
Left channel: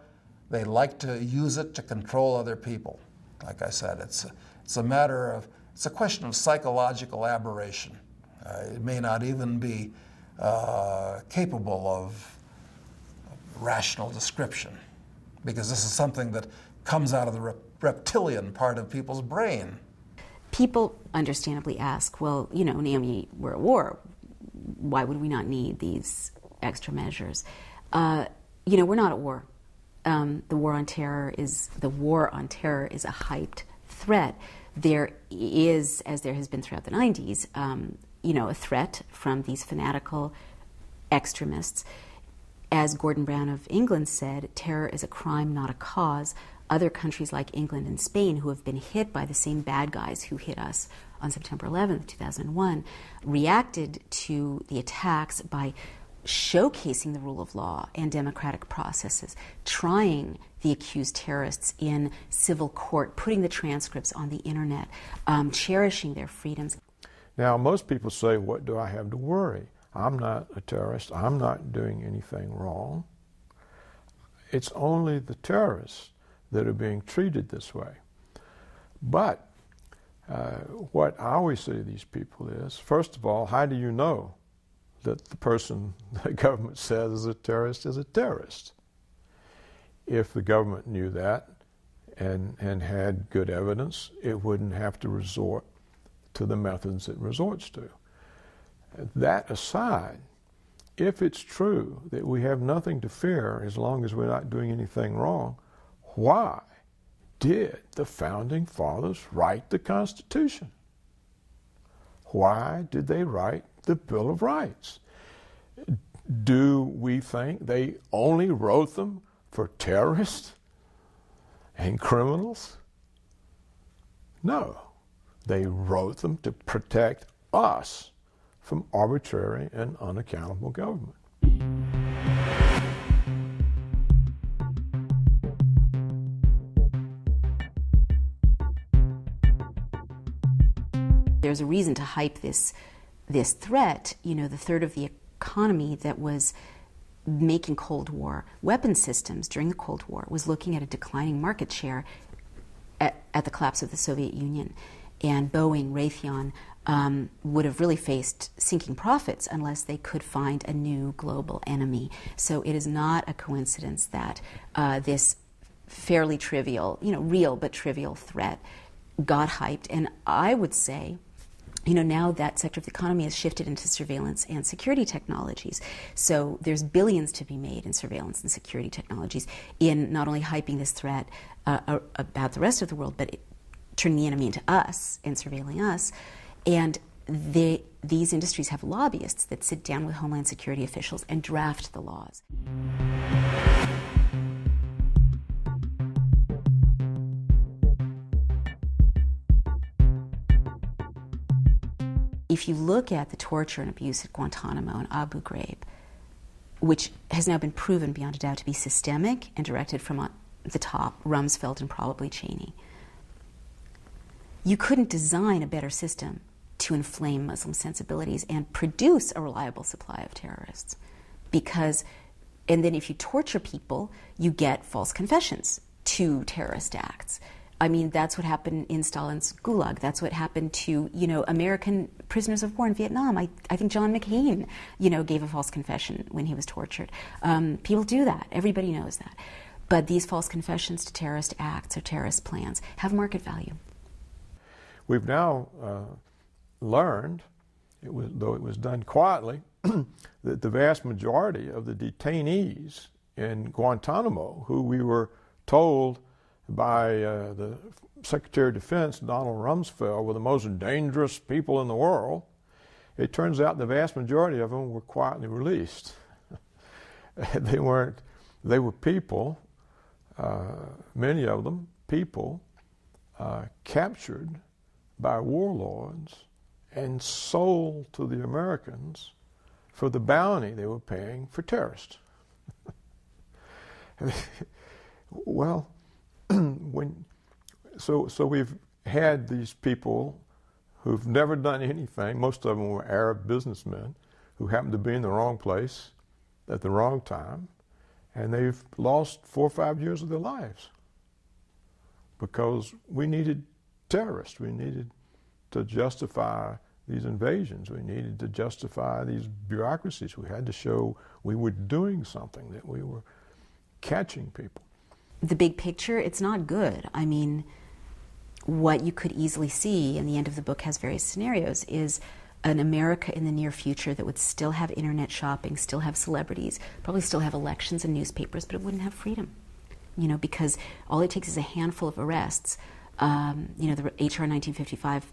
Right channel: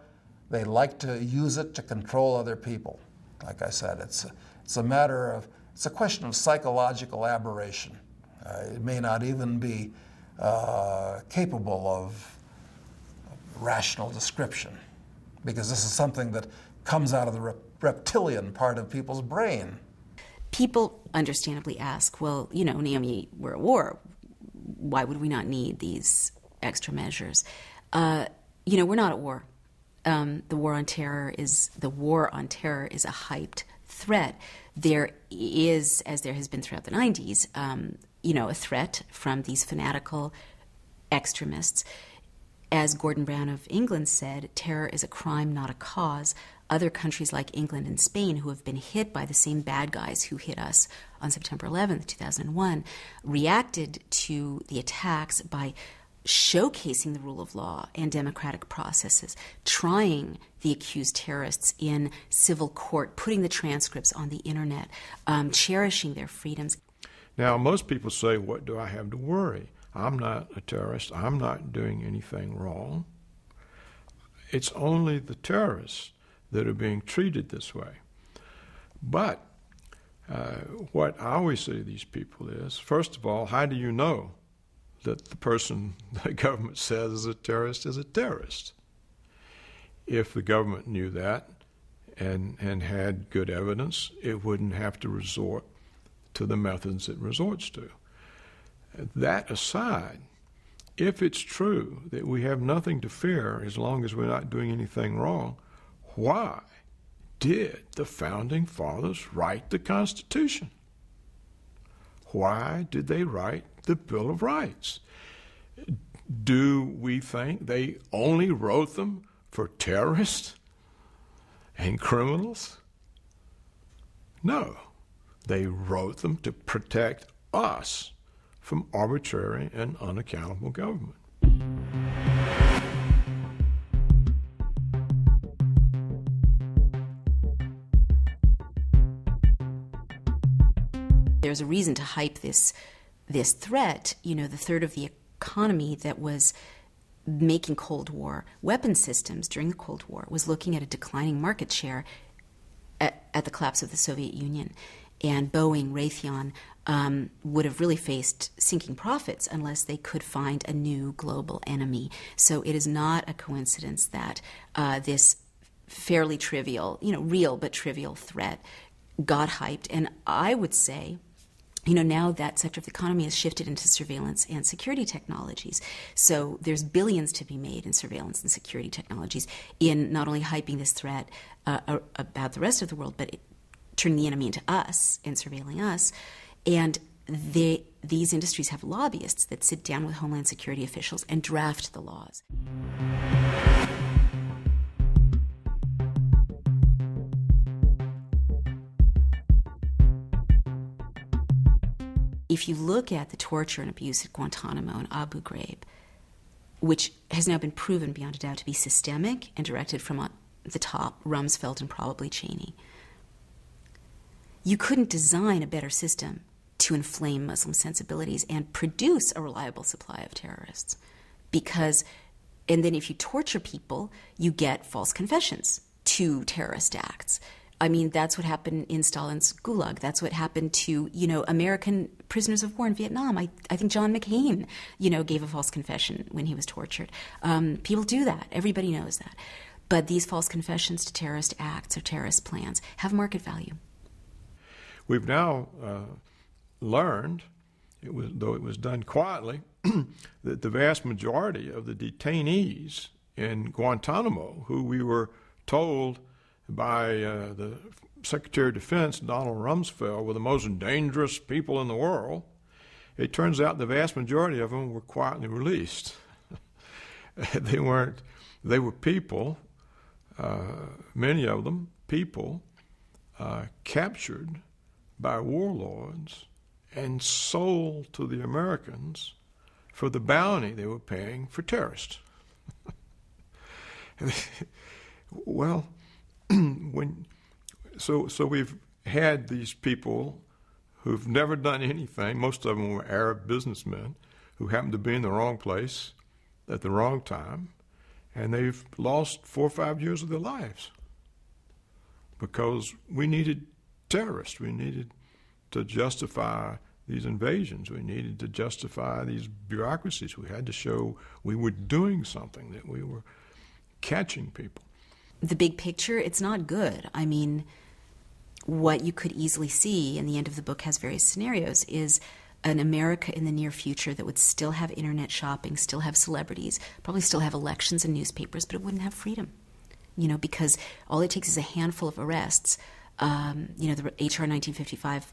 they like to use it to control other people. Like I said, it's a matter of, it's a question of psychological aberration. It may not even be capable of rational description, because this is something that comes out of the reptilian part of people's brain. People understandably ask, well, you know, Naomi, we're at war. Why would we not need these extra measures? You know, we're not at war. The war on terror is a hyped threat. There is, as there has been throughout the 90s, you know, a threat from these fanatical extremists. As Gordon Brown of England said, terror is a crime, not a cause. Other countries like England and Spain, who have been hit by the same bad guys who hit us on September 11th, 2001, reacted to the attacks by showcasing the rule of law and democratic processes, trying the accused terrorists in civil court, putting the transcripts on the internet, cherishing their freedoms. Now, most people say, what do I have to worry? I'm not a terrorist. I'm not doing anything wrong. It's only the terrorists that are being treated this way. But what I always say to these people is, first of all, how do you know that the person the government says is a terrorist is a terrorist? If the government knew that and had good evidence, it wouldn't have to resort to the methods it resorts to. That aside, if it's true that we have nothing to fear as long as we're not doing anything wrong, why did the Founding Fathers write the Constitution? Why did they write the Bill of Rights? Do we think they only wrote them for terrorists and criminals? No, they wrote them to protect us from arbitrary and unaccountable government. There's a reason to hype this threat. You know, the third of the economy that was making Cold War weapon systems during the Cold War was looking at a declining market share at the collapse of the Soviet Union. And Boeing, Raytheon would have really faced sinking profits unless they could find a new global enemy. So it is not a coincidence that this fairly trivial, you know, real but trivial threat got hyped. And I would say, you know, now that sector of the economy has shifted into surveillance and security technologies. So there's billions to be made in surveillance and security technologies in not only hyping this threat about the rest of the world, but turning the enemy into us and surveilling us. And these industries have lobbyists that sit down with Homeland Security officials and draft the laws. If you look at the torture and abuse at Guantanamo and Abu Ghraib, which has now been proven beyond a doubt to be systemic and directed from the top, Rumsfeld and probably Cheney, you couldn't design a better system to inflame Muslim sensibilities and produce a reliable supply of terrorists. And then if you torture people, you get false confessions to terrorist acts. I mean, that's what happened in Stalin's Gulag. That's what happened to, American prisoners of war in Vietnam. I think John McCain, gave a false confession when he was tortured. People do that. Everybody knows that. But these false confessions to terrorist acts or terrorist plans have market value. We've now learned, though it was done quietly, that the vast majority of the detainees in Guantanamo, who we were told by the Secretary of Defense, Donald Rumsfeld, were the most dangerous people in the world, it turns out the vast majority of them were quietly released. They were people, many of them people, captured by warlords and sold to the Americans for the bounty they were paying for terrorists. Well, so we've had these people who've never done anything. Most of them were Arab businessmen who happened to be in the wrong place at the wrong time, and they've lost 4 or 5 years of their lives because we needed terrorists. We needed to justify these invasions. We needed to justify these bureaucracies. We had to show we were doing something, that we were catching people. The big picture, it's not good. I mean, what you could easily see, and the end of the book has various scenarios, is an America in the near future that would still have internet shopping, still have celebrities, probably still have elections and newspapers, but it wouldn't have freedom. Because all it takes is a handful of arrests. The H.R. 1955,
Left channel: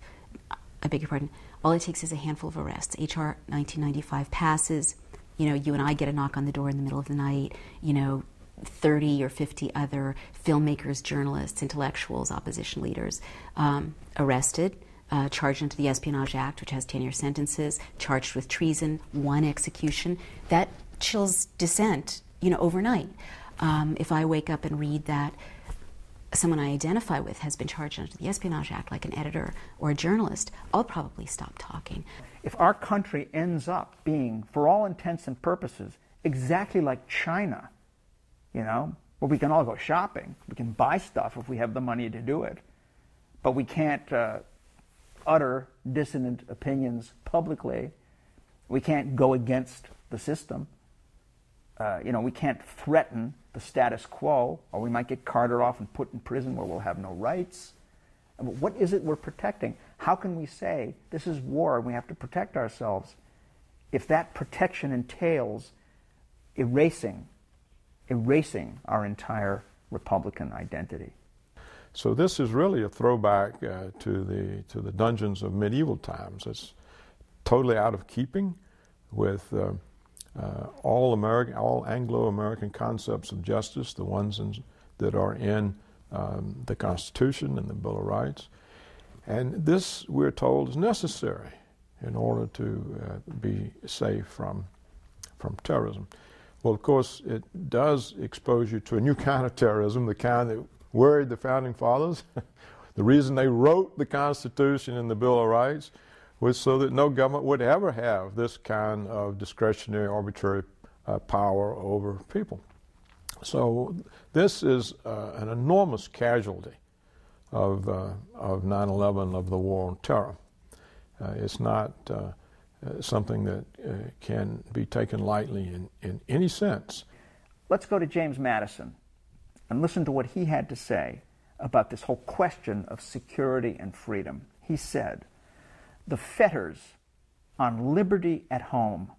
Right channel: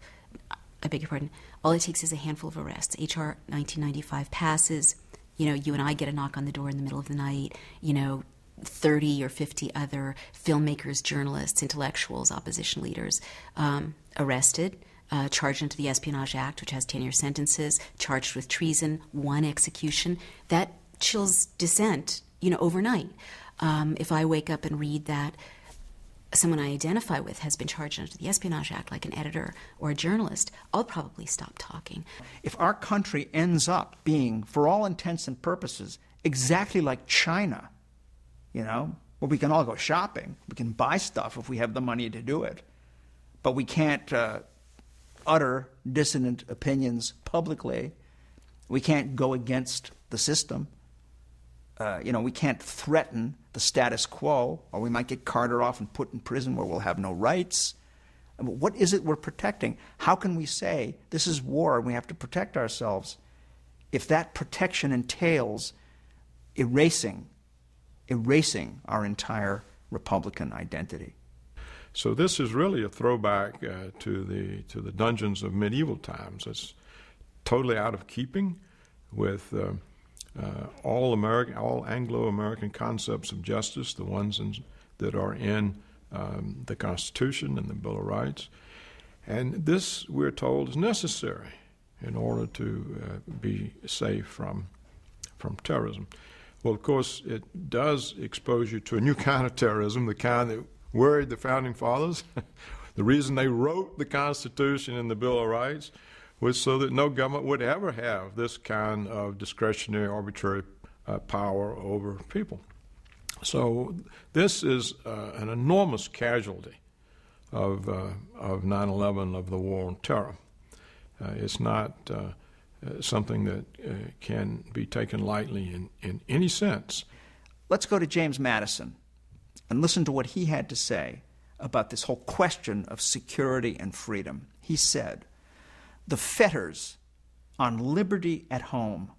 I beg your pardon, all it takes is a handful of arrests. H.R. 1995 passes, you and I get a knock on the door in the middle of the night, 30 or 50 other filmmakers, journalists, intellectuals, opposition leaders arrested, charged into the Espionage Act, which has 10-year sentences, charged with treason, 1 execution. That chills dissent, overnight. If I wake up and read that someone I identify with has been charged under the Espionage Act, like an editor or a journalist, I'll probably stop talking. If our country ends up being, for all intents and purposes, exactly like China, where we can all go shopping, we can buy stuff if we have the money to do it, but we can't utter dissonant opinions publicly, we can't go against the system, we can't threaten the status quo, or we might get carted off and put in prison where we'll have no rights. What is it we're protecting? How can we say this is war and we have to protect ourselves if that protection entails erasing our entire Republican identity? So this is really a throwback to the dungeons of medieval times. It's totally out of keeping with all Anglo-American concepts of justice, the ones that are in the Constitution and the Bill of Rights. And this, we're told, is necessary in order to be safe from terrorism. Well, of course, it does expose you to a new kind of terrorism, the kind that worried the Founding Fathers. The reason they wrote the Constitution and the Bill of Rights was so that no government would ever have this kind of discretionary, arbitrary power over people. So this is an enormous casualty of 9/11, of the war on terror. It's not something that can be taken lightly in any sense. Let's go to James Madison and listen to what he had to say about this whole question of security and freedom. He said, "The fetters on liberty at home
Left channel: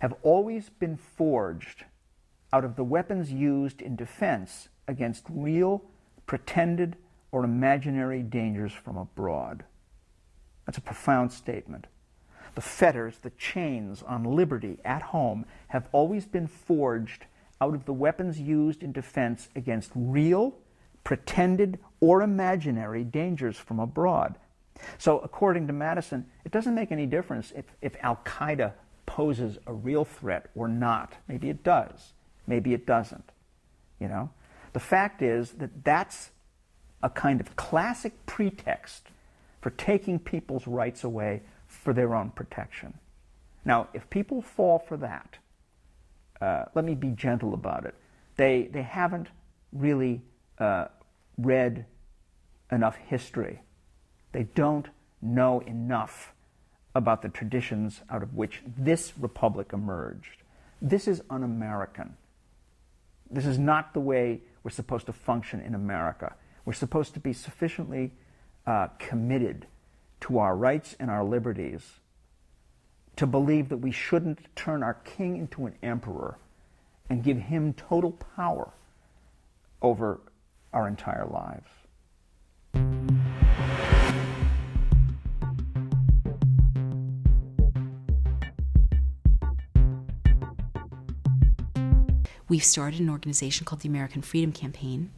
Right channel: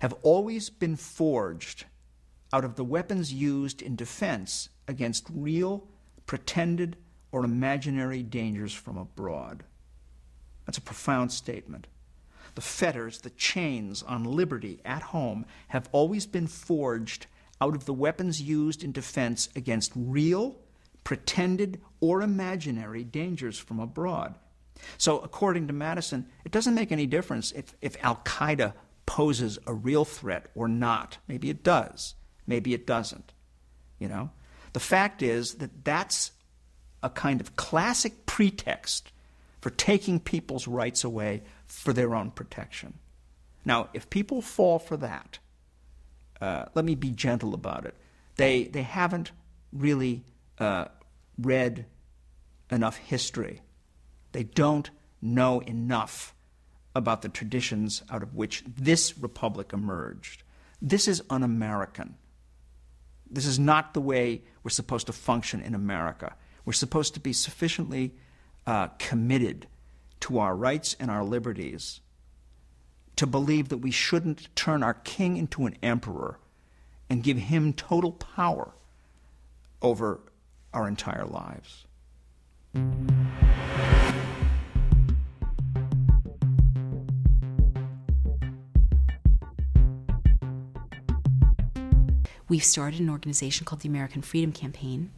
have always been forged out of the weapons used in defense against real, pretended, or imaginary dangers from abroad." That's a profound statement. The fetters, the chains on liberty at home have always been forged out of the weapons used in defense against real, pretended, or imaginary dangers from abroad. So according to Madison, it doesn't make any difference if Al-Qaeda poses a real threat or not. Maybe it does. Maybe it doesn't. The fact is that that's a kind of classic pretext for taking people's rights away for their own protection. Now, if people fall for that, let me be gentle about it. They haven't really read enough history. They don't know enough about the traditions out of which this republic emerged. This is un-American. This is not the way we're supposed to function in America. We're supposed to be sufficiently committed to our rights and our liberties to believe that we shouldn't turn our king into an emperor and give him total power over our entire lives. We've started an organization called the American Freedom Campaign,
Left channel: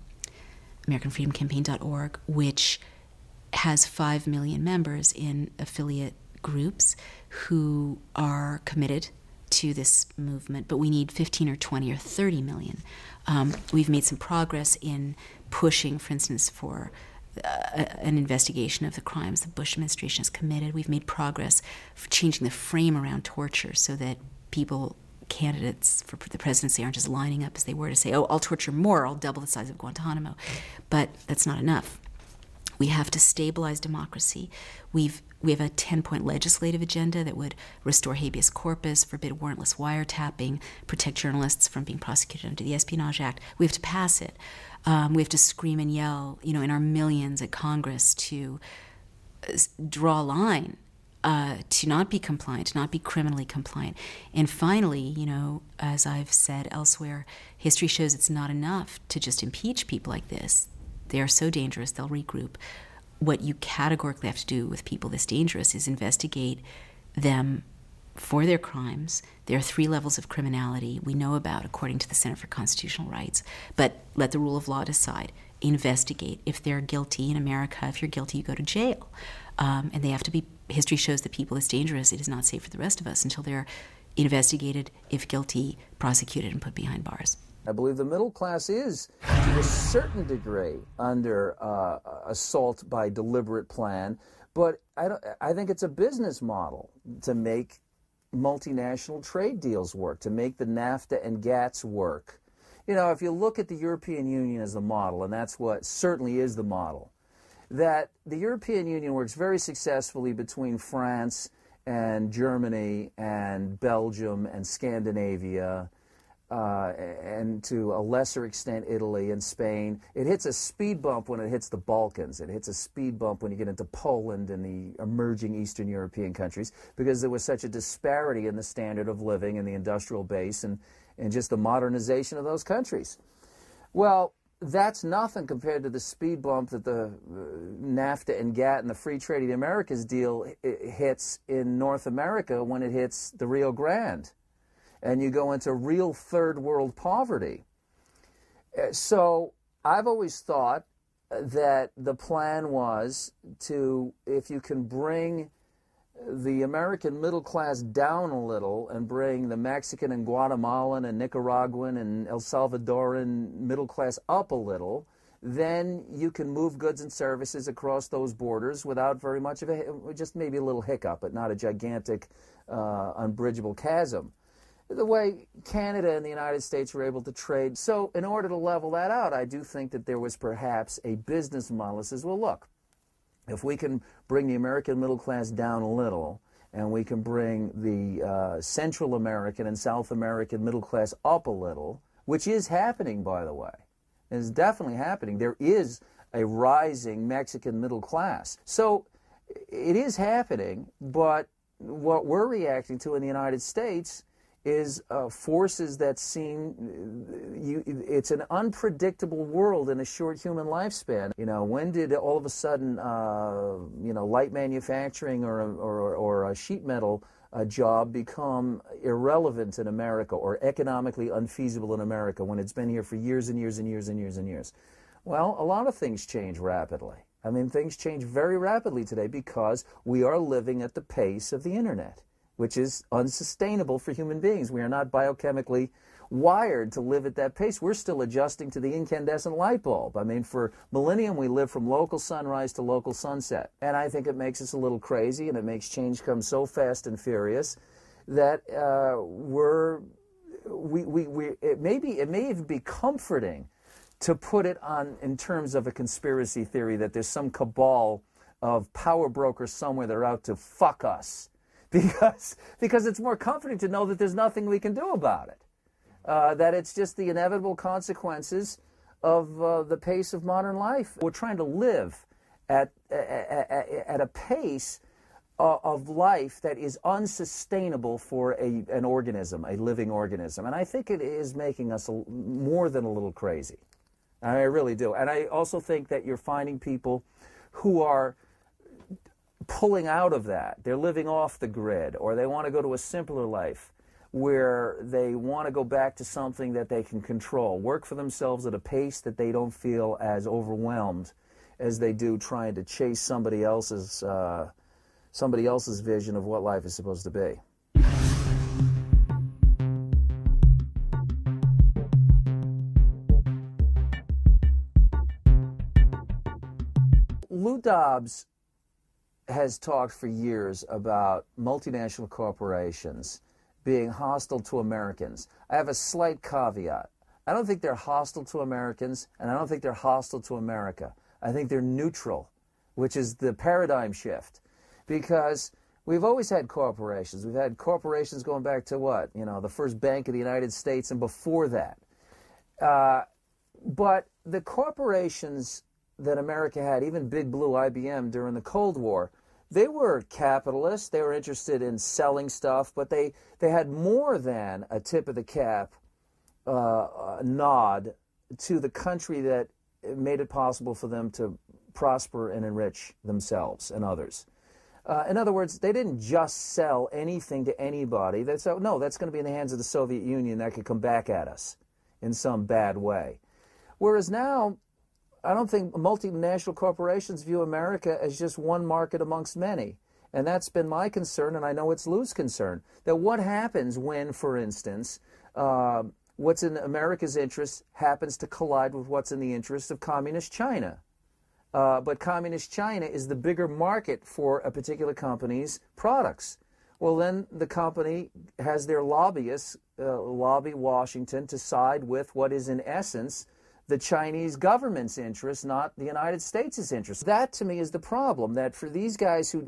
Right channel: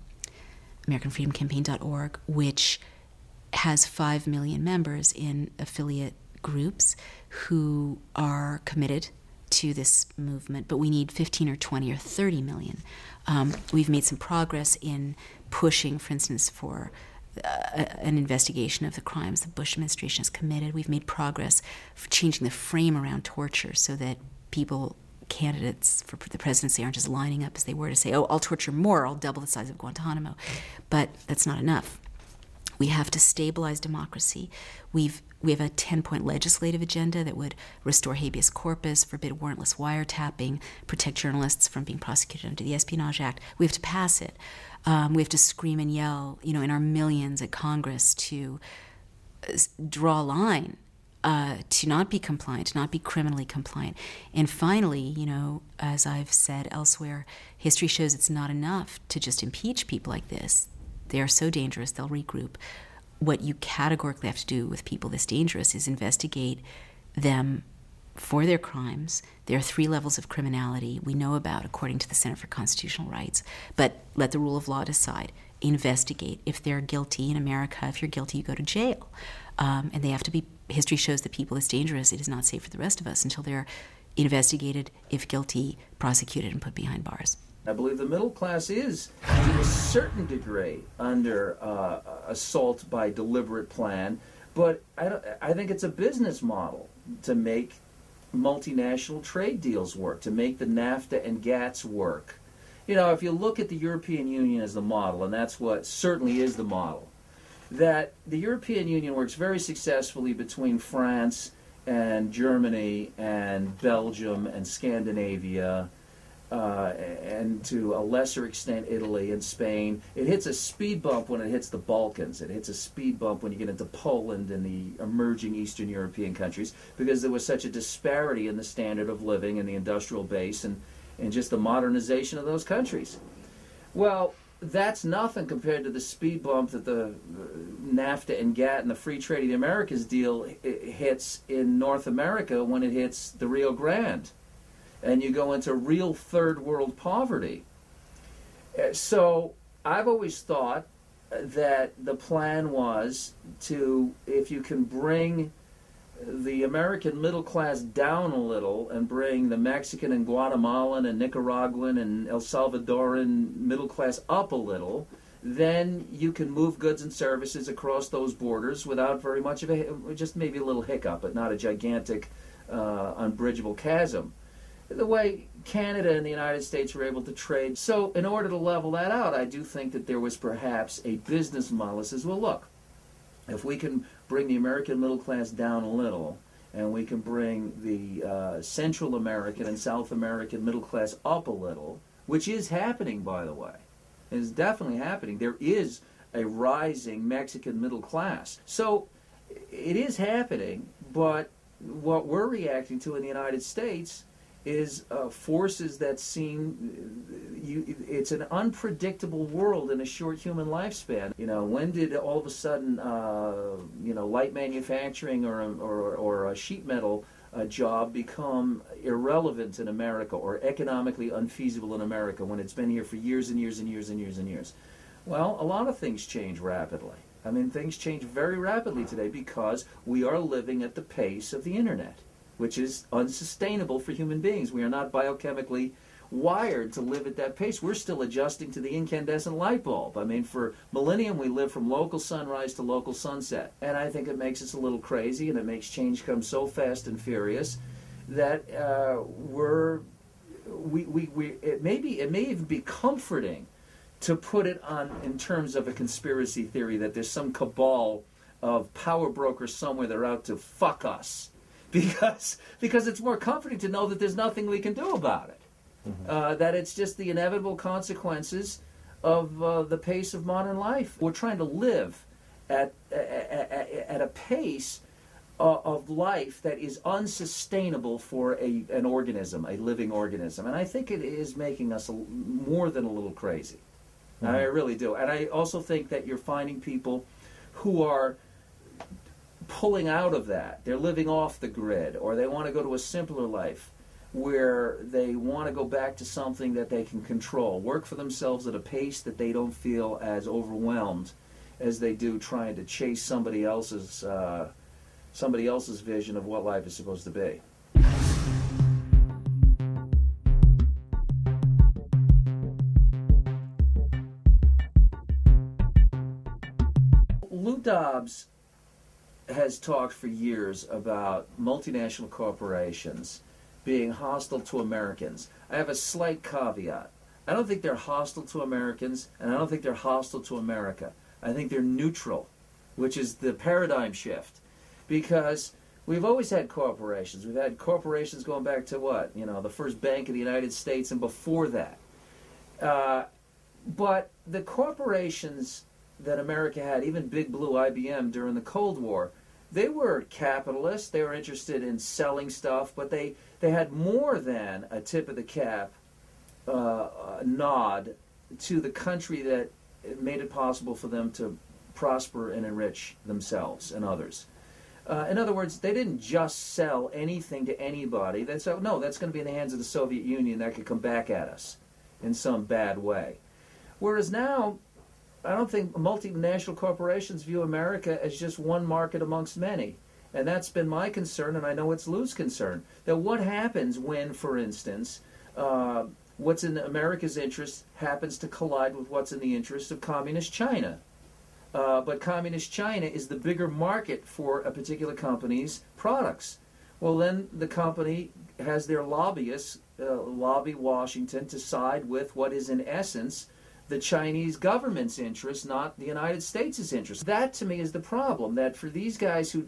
AmericanFreedomCampaign.org, which has 5 million members in affiliate groups who are committed to this movement, but we need 15 or 20 or 30 million. We've made some progress in pushing, for instance, for an investigation of the crimes the Bush administration has committed. We've made progress for changing the frame around torture so that candidates for the presidency aren't just lining up as they were to say, oh, I'll torture more, I'll double the size of Guantanamo. But that's not enough. We have to stabilize democracy. We have a 10-point legislative agenda that would restore habeas corpus, forbid warrantless wiretapping, protect journalists from being prosecuted under the Espionage Act. We have to pass it. We have to scream and yell, in our millions at Congress to draw a line, to not be compliant, to not be criminally compliant. And finally, as I've said elsewhere, history shows it's not enough to just impeach people like this. They are so dangerous, they'll regroup. What you categorically have to do with people this dangerous is investigate them for their crimes. There are 3 levels of criminality we know about according to the Center for Constitutional Rights, but let the rule of law decide. Investigate. If they're guilty in America, if you're guilty, you go to jail. And they have to be, history shows that people this dangerous, it is not safe for the rest of us until they're investigated, if guilty, prosecuted, and put behind bars. I believe the middle class is, to a certain degree, under assault by deliberate plan, but I think it's a business model to make multinational trade deals work, to make the NAFTA and GATS work. If you look at the European Union as the model, and that's what certainly is the model, that the European Union works very successfully between France and Germany and Belgium and Scandinavia, and to a lesser extent Italy and Spain. It hits a speed bump when it hits the Balkans. It hits a speed bump when you get into Poland and the emerging Eastern European countries, because there was such a disparity in the standard of living and the industrial base and just the modernization of those countries. Well, that's nothing compared to the speed bump that the NAFTA and GATT and the Free Trade of the Americas deal hits in North America when it hits the Rio Grande. And you go into real third world poverty. So I've always thought that the plan was to, if you can bring the American middle class down a little and bring the Mexican and Guatemalan and Nicaraguan and El Salvadoran middle class up a little, then you can move goods and services across those borders without very much of just maybe a little hiccup, but not a gigantic, unbridgeable chasm. The way Canada and the United States were able to trade. So in order to level that out, I do think that there was perhaps a business model that says, well, look, if we can bring the American middle class down a little, and we can bring the Central American and South American middle class up a little, which is happening, by the way. It is definitely happening. There is a rising Mexican middle class. So it is happening, but what we're reacting to in the United States is forces that seem, it's an unpredictable world in a short human lifespan. When did all of a sudden, light manufacturing or a sheet metal job become irrelevant in America or economically unfeasible in America when it's been here for years and years and years and years and years? Well, a lot of things change rapidly. I mean, things change very rapidly today because we are living at the pace of the internet, which is unsustainable for human beings. We are not biochemically wired to live at that pace. We're still adjusting to the incandescent light bulb. I mean, for millennium, we live from local sunrise to local sunset. And I think it makes us a little crazy, and it makes change come so fast and furious that it may even be comforting to put it on in terms of a conspiracy theory that there's some cabal of power brokers somewhere that are out to fuck us, because it's more comforting to know that there's nothing we can do about it. That it's just the inevitable consequences of the pace of modern life. We're trying to live at a pace of life that is unsustainable for an organism, a living organism. And I think it is making us more than a little crazy. I really do. And I also think that you're finding people who are pulling out of that. They're living off the grid, or they want to go to a simpler life where they want to go back to something that they can control, work for themselves at a pace that they don't feel as overwhelmed as they do trying to chase somebody else's vision of what life is supposed to be. Lou Dobbs has talked for years about multinational corporations being hostile to Americans. I have a slight caveat. I don't think they're hostile to Americans, and I don't think they're hostile to America. I think they're neutral, which is the paradigm shift. Because we've always had corporations. We've had corporations going back to what? You know, the first bank of the United States and before that. But the corporations that America had, even Big Blue, IBM, during the Cold War, they were capitalists. They were interested in selling stuff, but they had more than a tip of the cap nod to the country that made it possible for them to prosper and enrich themselves and others. In other words, they didn't just sell anything to anybody. No, that's going to be in the hands of the Soviet Union that could come back at us in some bad way. Whereas now, I don't think multinational corporations view America as just one market amongst many. And that's been my concern, and I know it's Lou's concern, that what happens when, for instance, what's in America's interest happens to collide with what's in the interest of Communist China. But Communist China is the bigger market for a particular company's products. Well, then the company has their lobbyists lobby Washington to side with what is in essence the Chinese government's interest, not the United States' interest. That, to me, is the problem, that for these guys who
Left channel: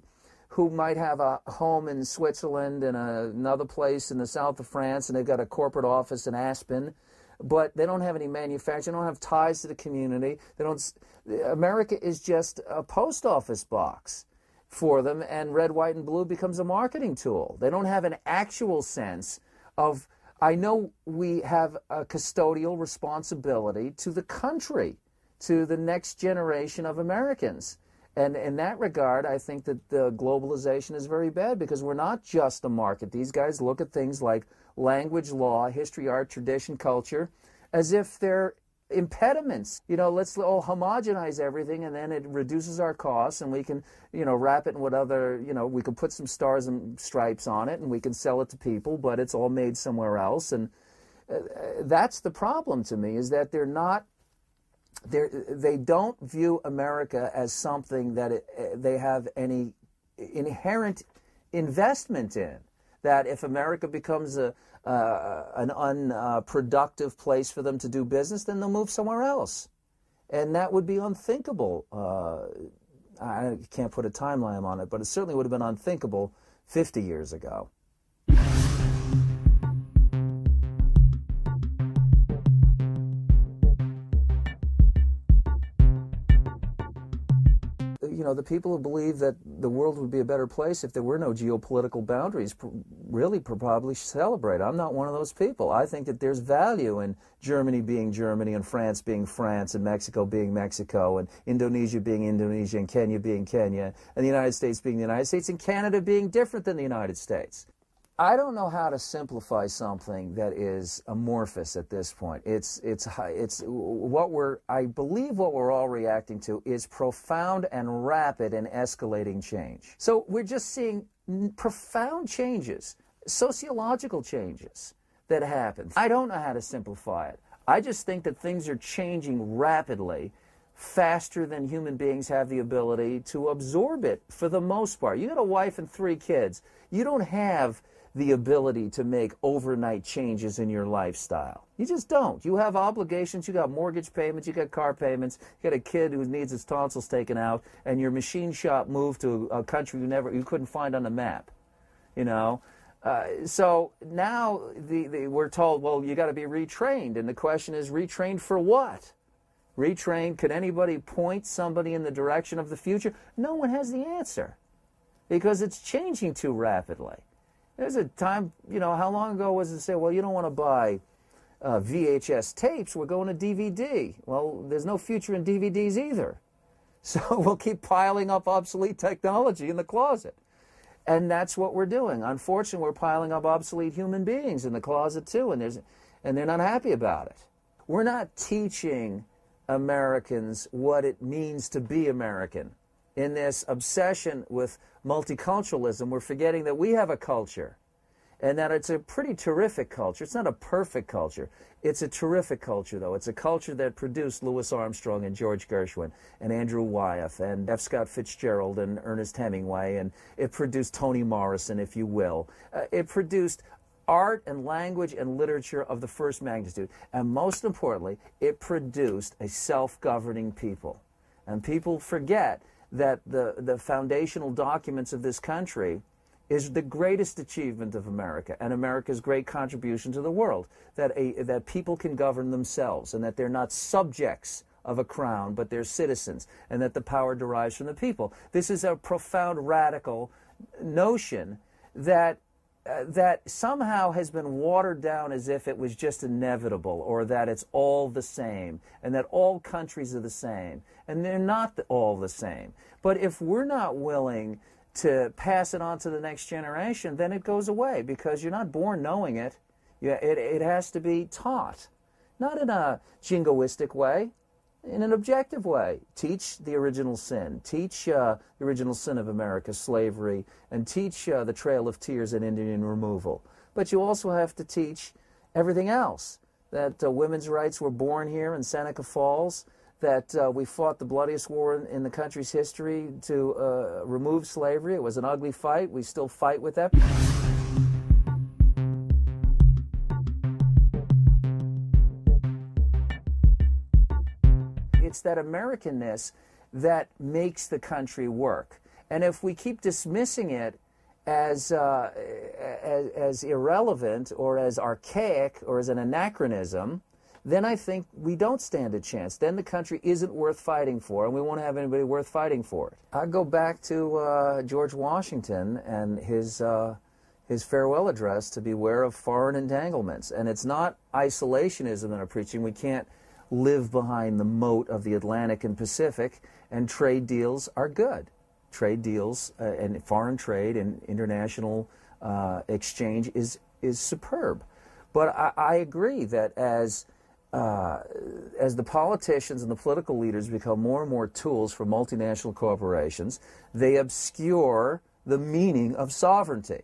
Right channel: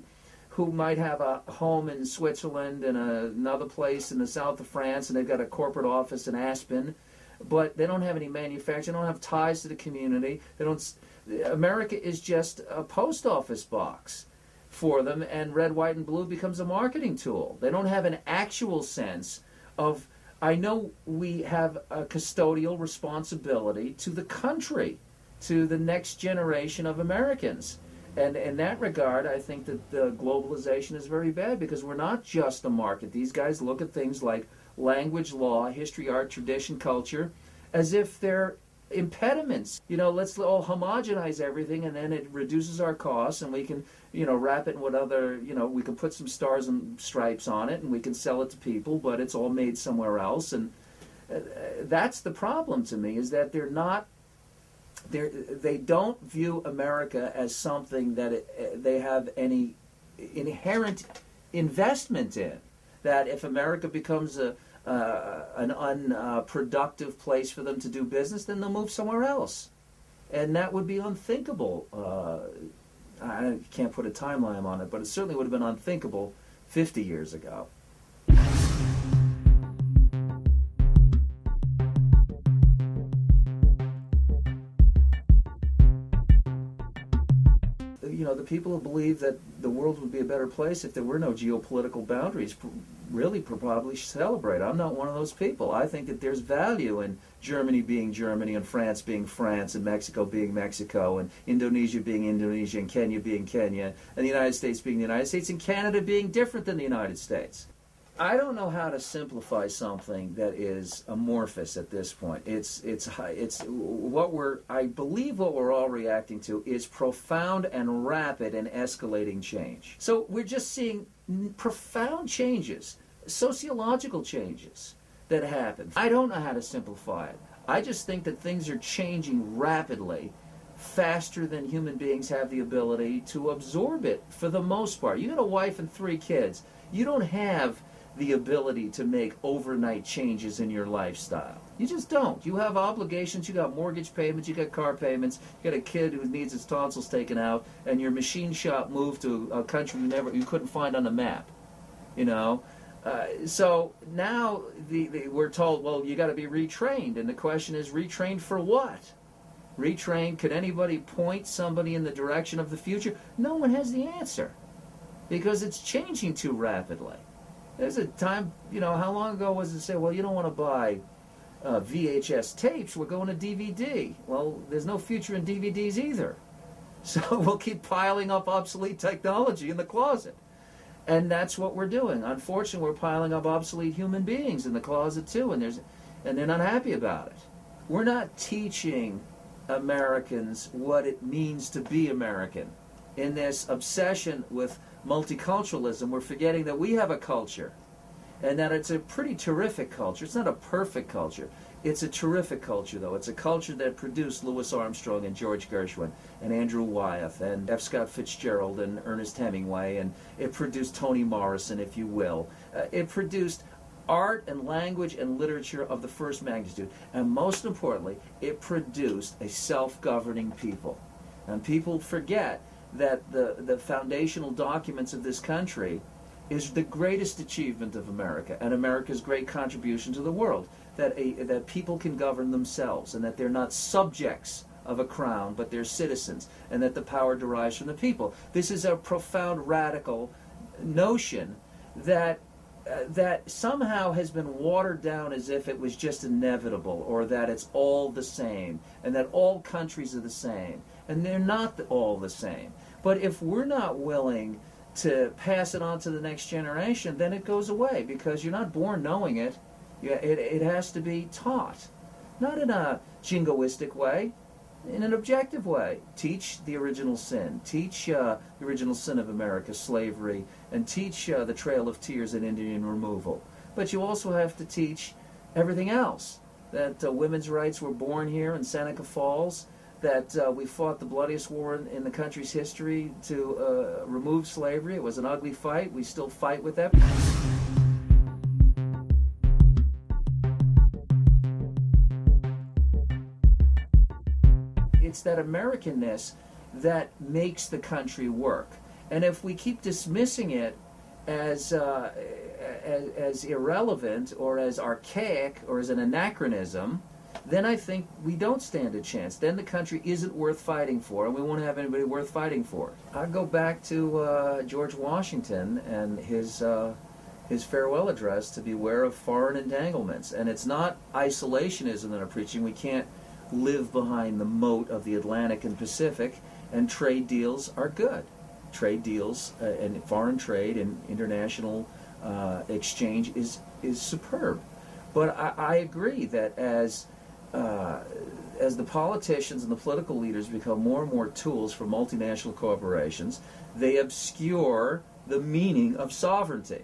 might have a home in Switzerland and another place in the south of France, and they've got a corporate office in Aspen, but they don't have any manufacturing, they don't have ties to the community, America is just a post office box for them, and red, white, and blue becomes a marketing tool. They don't have an actual sense of, I know we have a custodial responsibility to the country, to the next generation of Americans. And in that regard, I think that the globalization is very bad, because we're not just a market. These guys look at things like language, law, history, art, tradition, culture, as if they're impediments. You know, let's all homogenize everything, and then it reduces our costs, and we can, you know, wrap it in what other, you know, we can put some stars and stripes on it, and we can sell it to people, but it's all made somewhere else. And that's the problem to me, is that they don't view America as something that they have any inherent investment in. That if America becomes an unproductive place for them to do business, then they'll move somewhere else. And that would be unthinkable. I can't put a timeline on it, but it certainly would have been unthinkable 50 years ago. You know, the people who believe that the world would be a better place if there were no geopolitical boundaries really probably celebrate. I'm not one of those people. I think that there's value in Germany being Germany, and France being France, and Mexico being Mexico, and Indonesia being Indonesia, and Kenya being Kenya, and the United States being the United States, and Canada being different than the United States. I don't know how to simplify something that is amorphous at this point. I believe what we're all reacting to is profound and rapid and escalating change. So we're just seeing profound changes, sociological changes that happen. I don't know how to simplify it. I just think that things are changing rapidly, faster than human beings have the ability to absorb it for the most part. You got a wife and 3 kids. You don't have the ability to make overnight changes in your lifestyle. You just don't. You have obligations, you got mortgage payments, you got car payments, you got a kid who needs his tonsils taken out, and your machine shop moved to a country you couldn't find on the map. You know? So now we're told, well, you got to be retrained, and the question is, retrained for what? Retrained, can anybody point somebody in the direction of the future? No one has the answer, because it's changing too rapidly. There's a time, you know, how long ago was it said, well, you don't want to buy VHS tapes, we're going to DVD. Well, there's no future in DVDs either. So we'll keep piling up obsolete technology in the closet. And that's what we're doing. Unfortunately, we're piling up obsolete human beings in the closet too, and they're not happy about it. We're not teaching Americans what it means to be American. In this obsession with multiculturalism, we're forgetting that we have a culture, and that it's a pretty terrific culture. It's not a perfect culture. It's a terrific culture, though. It's a culture that produced Louis Armstrong and George Gershwin and Andrew Wyeth and F. Scott Fitzgerald and Ernest Hemingway, and it produced Toni Morrison, if you will. It produced art and language and literature of the first magnitude. And most importantly, it produced a self-governing people. And people forget that the foundational documents of this country is the greatest achievement of America and America's great contribution to the world, that people can govern themselves and that they're not subjects of a crown, but they're citizens, and that the power derives from the people. This is a profound radical notion that somehow has been watered down as if it was just inevitable, or that it's all the same, and that all countries are the same. And they're not all the same. But if we're not willing to pass it on to the next generation, then it goes away, because you're not born knowing it. It has to be taught, not in a jingoistic way, in an objective way. Teach the original sin. Teach the original sin of America, slavery, and teach the Trail of Tears and Indian removal. But you also have to teach everything else, that women's rights were born here in Seneca Falls, that we fought the bloodiest war in the country's history to remove slavery. It was an ugly fight. We still fight with that. It's that Americanness that makes the country work. And if we keep dismissing it as irrelevant or as archaic or as an anachronism, then I think we don't stand a chance. Then the country isn't worth fighting for, and we won't have anybody worth fighting for. I go back to George Washington and his farewell address to beware of foreign entanglements. And it's not isolationism that I'm preaching. We can't live behind the moat of the Atlantic and Pacific, and trade deals are good. Trade deals and foreign trade and international exchange is superb. But I agree that as the politicians and the political leaders become more and more tools for multinational corporations, they obscure the meaning of sovereignty,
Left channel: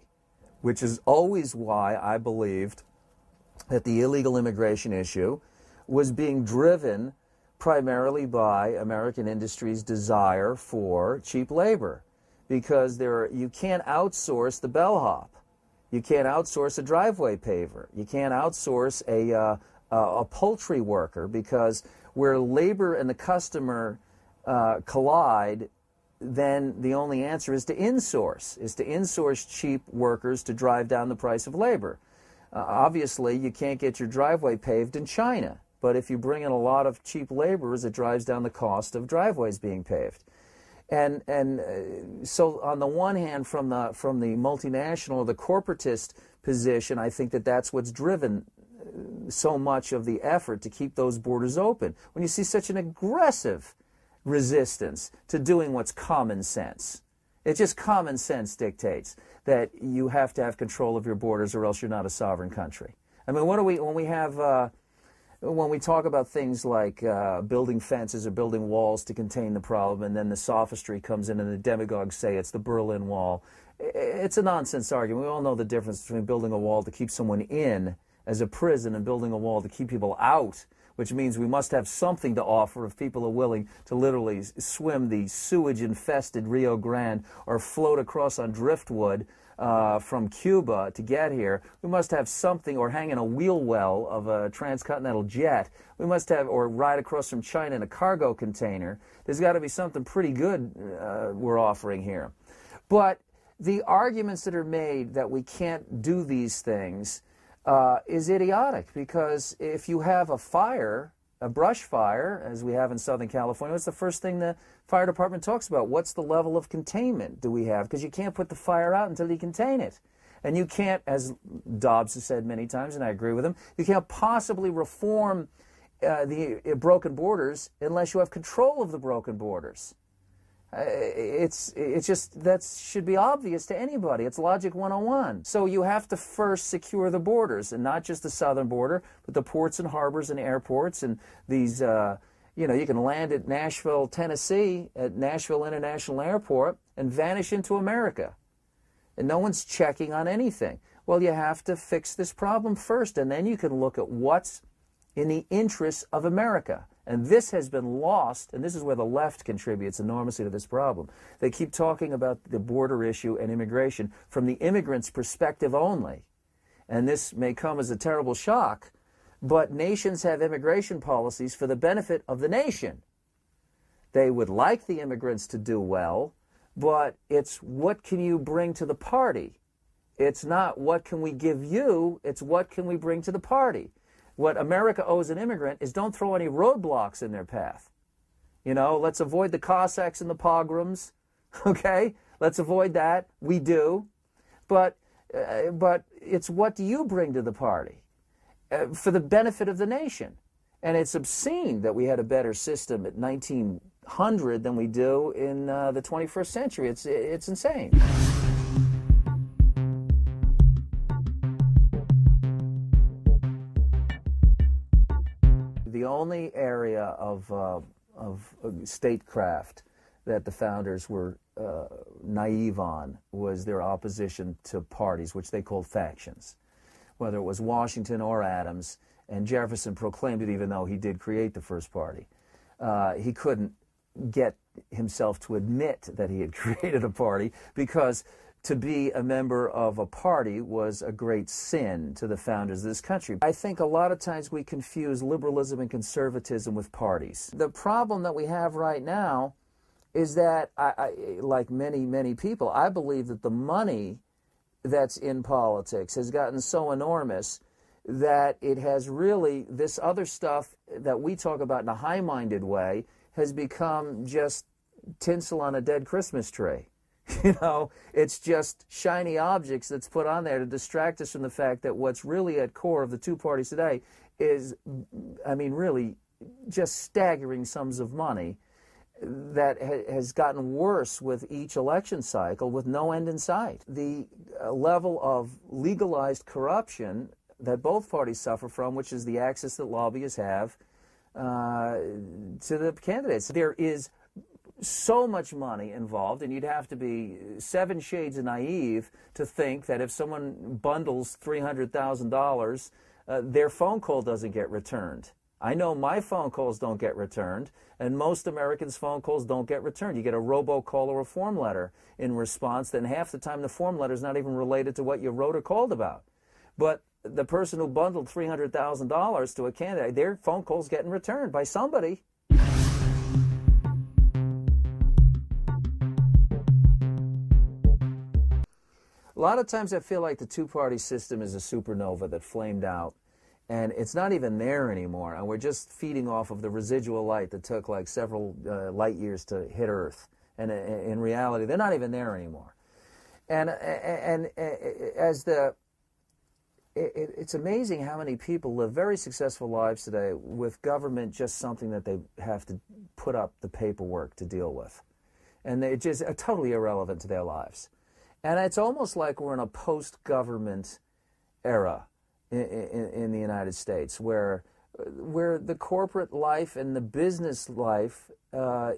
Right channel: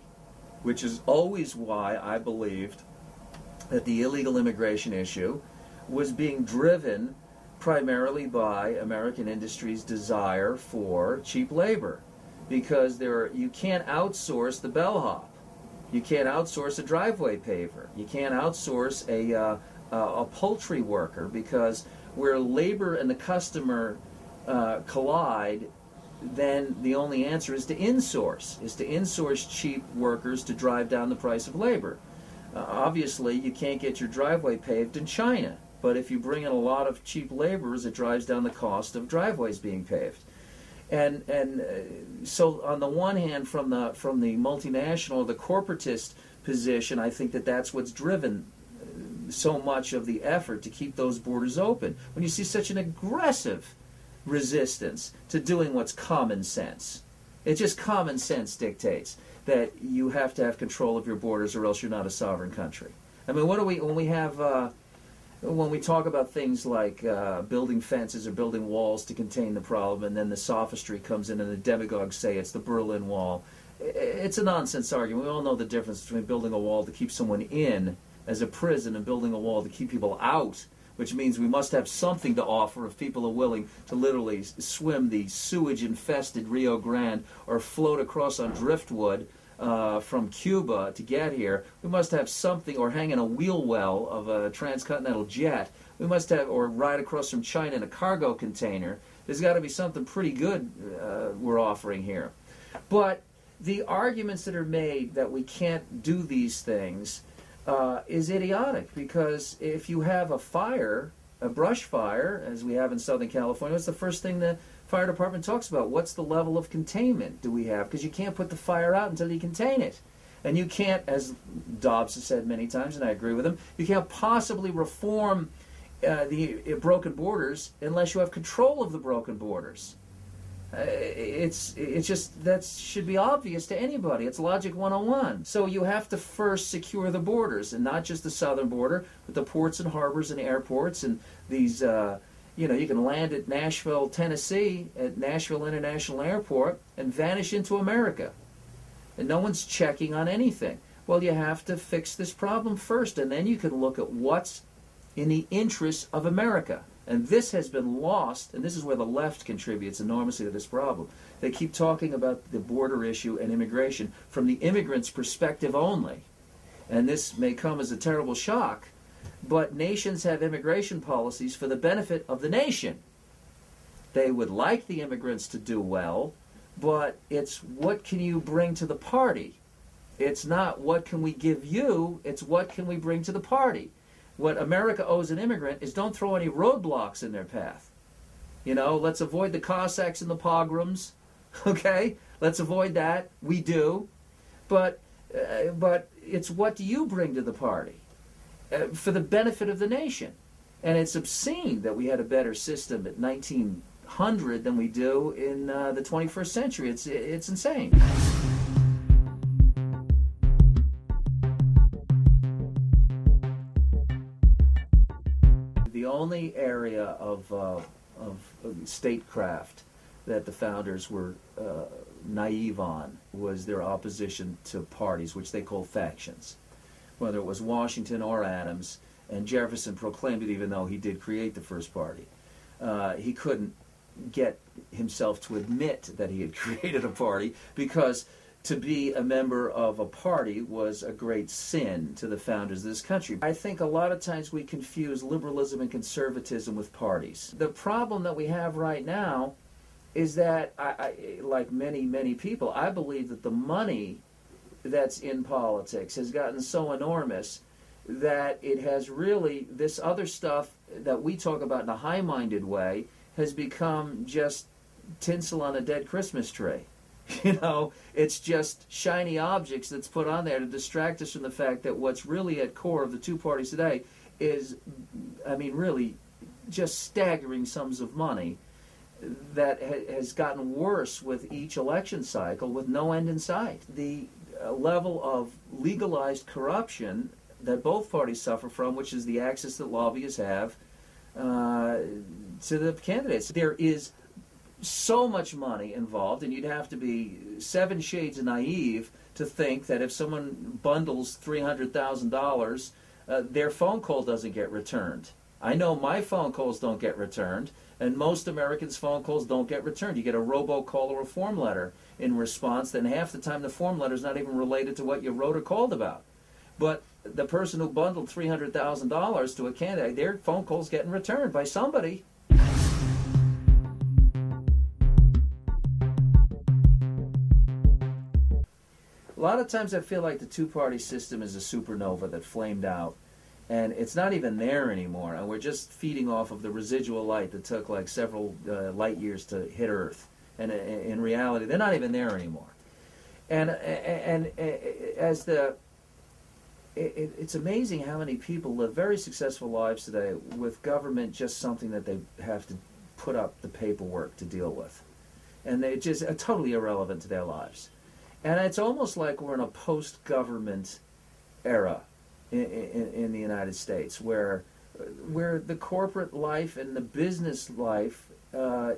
which is always why I believed that the illegal immigration issue was being driven primarily by American industry's desire for cheap labor, because you can't outsource the bellhop, you can't outsource a driveway paver, you can't outsource a poultry worker, because where labor and the customer collide, then the only answer is to insource cheap workers to drive down the price of labor. Obviously, you can't get your driveway paved in China, but if you bring in a lot of cheap laborers, it drives down the cost of driveways being paved. And so on the one hand, from the multinational, the corporatist position, I think that's what's driven so much of the effort to keep those borders open. When you see such an aggressive resistance to doing what's common sense, it's just common sense dictates that you have to have control of your borders, or else you're not a sovereign country. I mean, when we talk about things like building fences or building walls to contain the problem, and then the sophistry comes in and the demagogues say it's the Berlin Wall, it's a nonsense argument. We all know the difference between building a wall to keep someone in as a prison and building a wall to keep people out, which means we must have something to offer if people are willing to literally swim the sewage-infested Rio Grande or float across on driftwood from Cuba to get here. We must have something, or hang in a wheel well of a transcontinental jet. We must have, or ride across from China in a cargo container. There's got to be something pretty good we're offering here. But the arguments that are made that we can't do these things is idiotic, because if you have a fire, a brush fire, as we have in Southern California, what's the first thing the fire department talks about? What's the level of containment do we have? Because you can't put the fire out until you contain it. And you can't, as Dobbs has said many times, and I agree with him, you can't possibly reform the broken borders unless you have control of the broken borders. It's just, that should be obvious to anybody. It's Logic 101. So you have to first secure the borders, and not just the southern border, but the ports and harbors and airports and these, you know, you can land at Nashville, Tennessee, at Nashville International Airport and vanish into America. And no one's checking on anything. Well, you have to fix this problem first, and then you can look at what's in the interests of America. And this has been lost, and this is where the left contributes enormously to this problem. They keep talking about the border issue and immigration from the immigrant's perspective only. And this may come as a terrible shock, but nations have immigration policies for the benefit of the nation. They would like the immigrants to do well, but it's what can you bring to the party? It's not what can we give you, it's what can we bring to the party. What America owes an immigrant is don't throw any roadblocks in their path. You know, let's avoid the Cossacks and the pogroms, okay? Let's avoid that. We do. But it's what do you bring to the party for the benefit of the nation? And it's obscene that we had a better system at 1900 than we do in the 21st century. It's insane. The only area of statecraft that the founders were naive on was their opposition to parties, which they called factions. Whether it was Washington or Adams, and Jefferson proclaimed it even though he did create the first party. He couldn't get himself to admit that he had created a party, because to be a member of a party was a great sin to the founders of this country. I think a lot of times we confuse liberalism and conservatism with parties. The problem that we have right now is that, like many people, I believe that the money that's in politics has gotten so enormous that it has really, this other stuff that we talk about in a high-minded way has become just tinsel on a dead Christmas tree. You know, it's just shiny objects that's put on there to distract us from the fact that what's really at core of the two parties today is, I mean, really just staggering sums of money that has gotten worse with each election cycle with no end in sight. The level of legalized corruption that both parties suffer from, which is the access that lobbyists have to the candidates. There is so much money involved, and you'd have to be 7 shades of naive to think that if someone bundles $300,000, their phone call doesn't get returned. I know my phone calls don't get returned, and most Americans' phone calls don't get returned. You get a robocall or a form letter in response, then half the time the form letter is not even related to what you wrote or called about. But the person who bundled $300,000 to a candidate, their phone call's getting returned by somebody. A lot of times I feel like the two-party system is a supernova that flamed out, and it's not even there anymore, and we're just feeding off of the residual light that took like several light years to hit Earth. And in reality, they're not even there anymore. And as the... It's amazing how many people live very successful lives today with government just something that they have to put up the paperwork to deal with. And they just are totally irrelevant to their lives. And it's almost like we're in a post-government era in the United States where the corporate life and the business life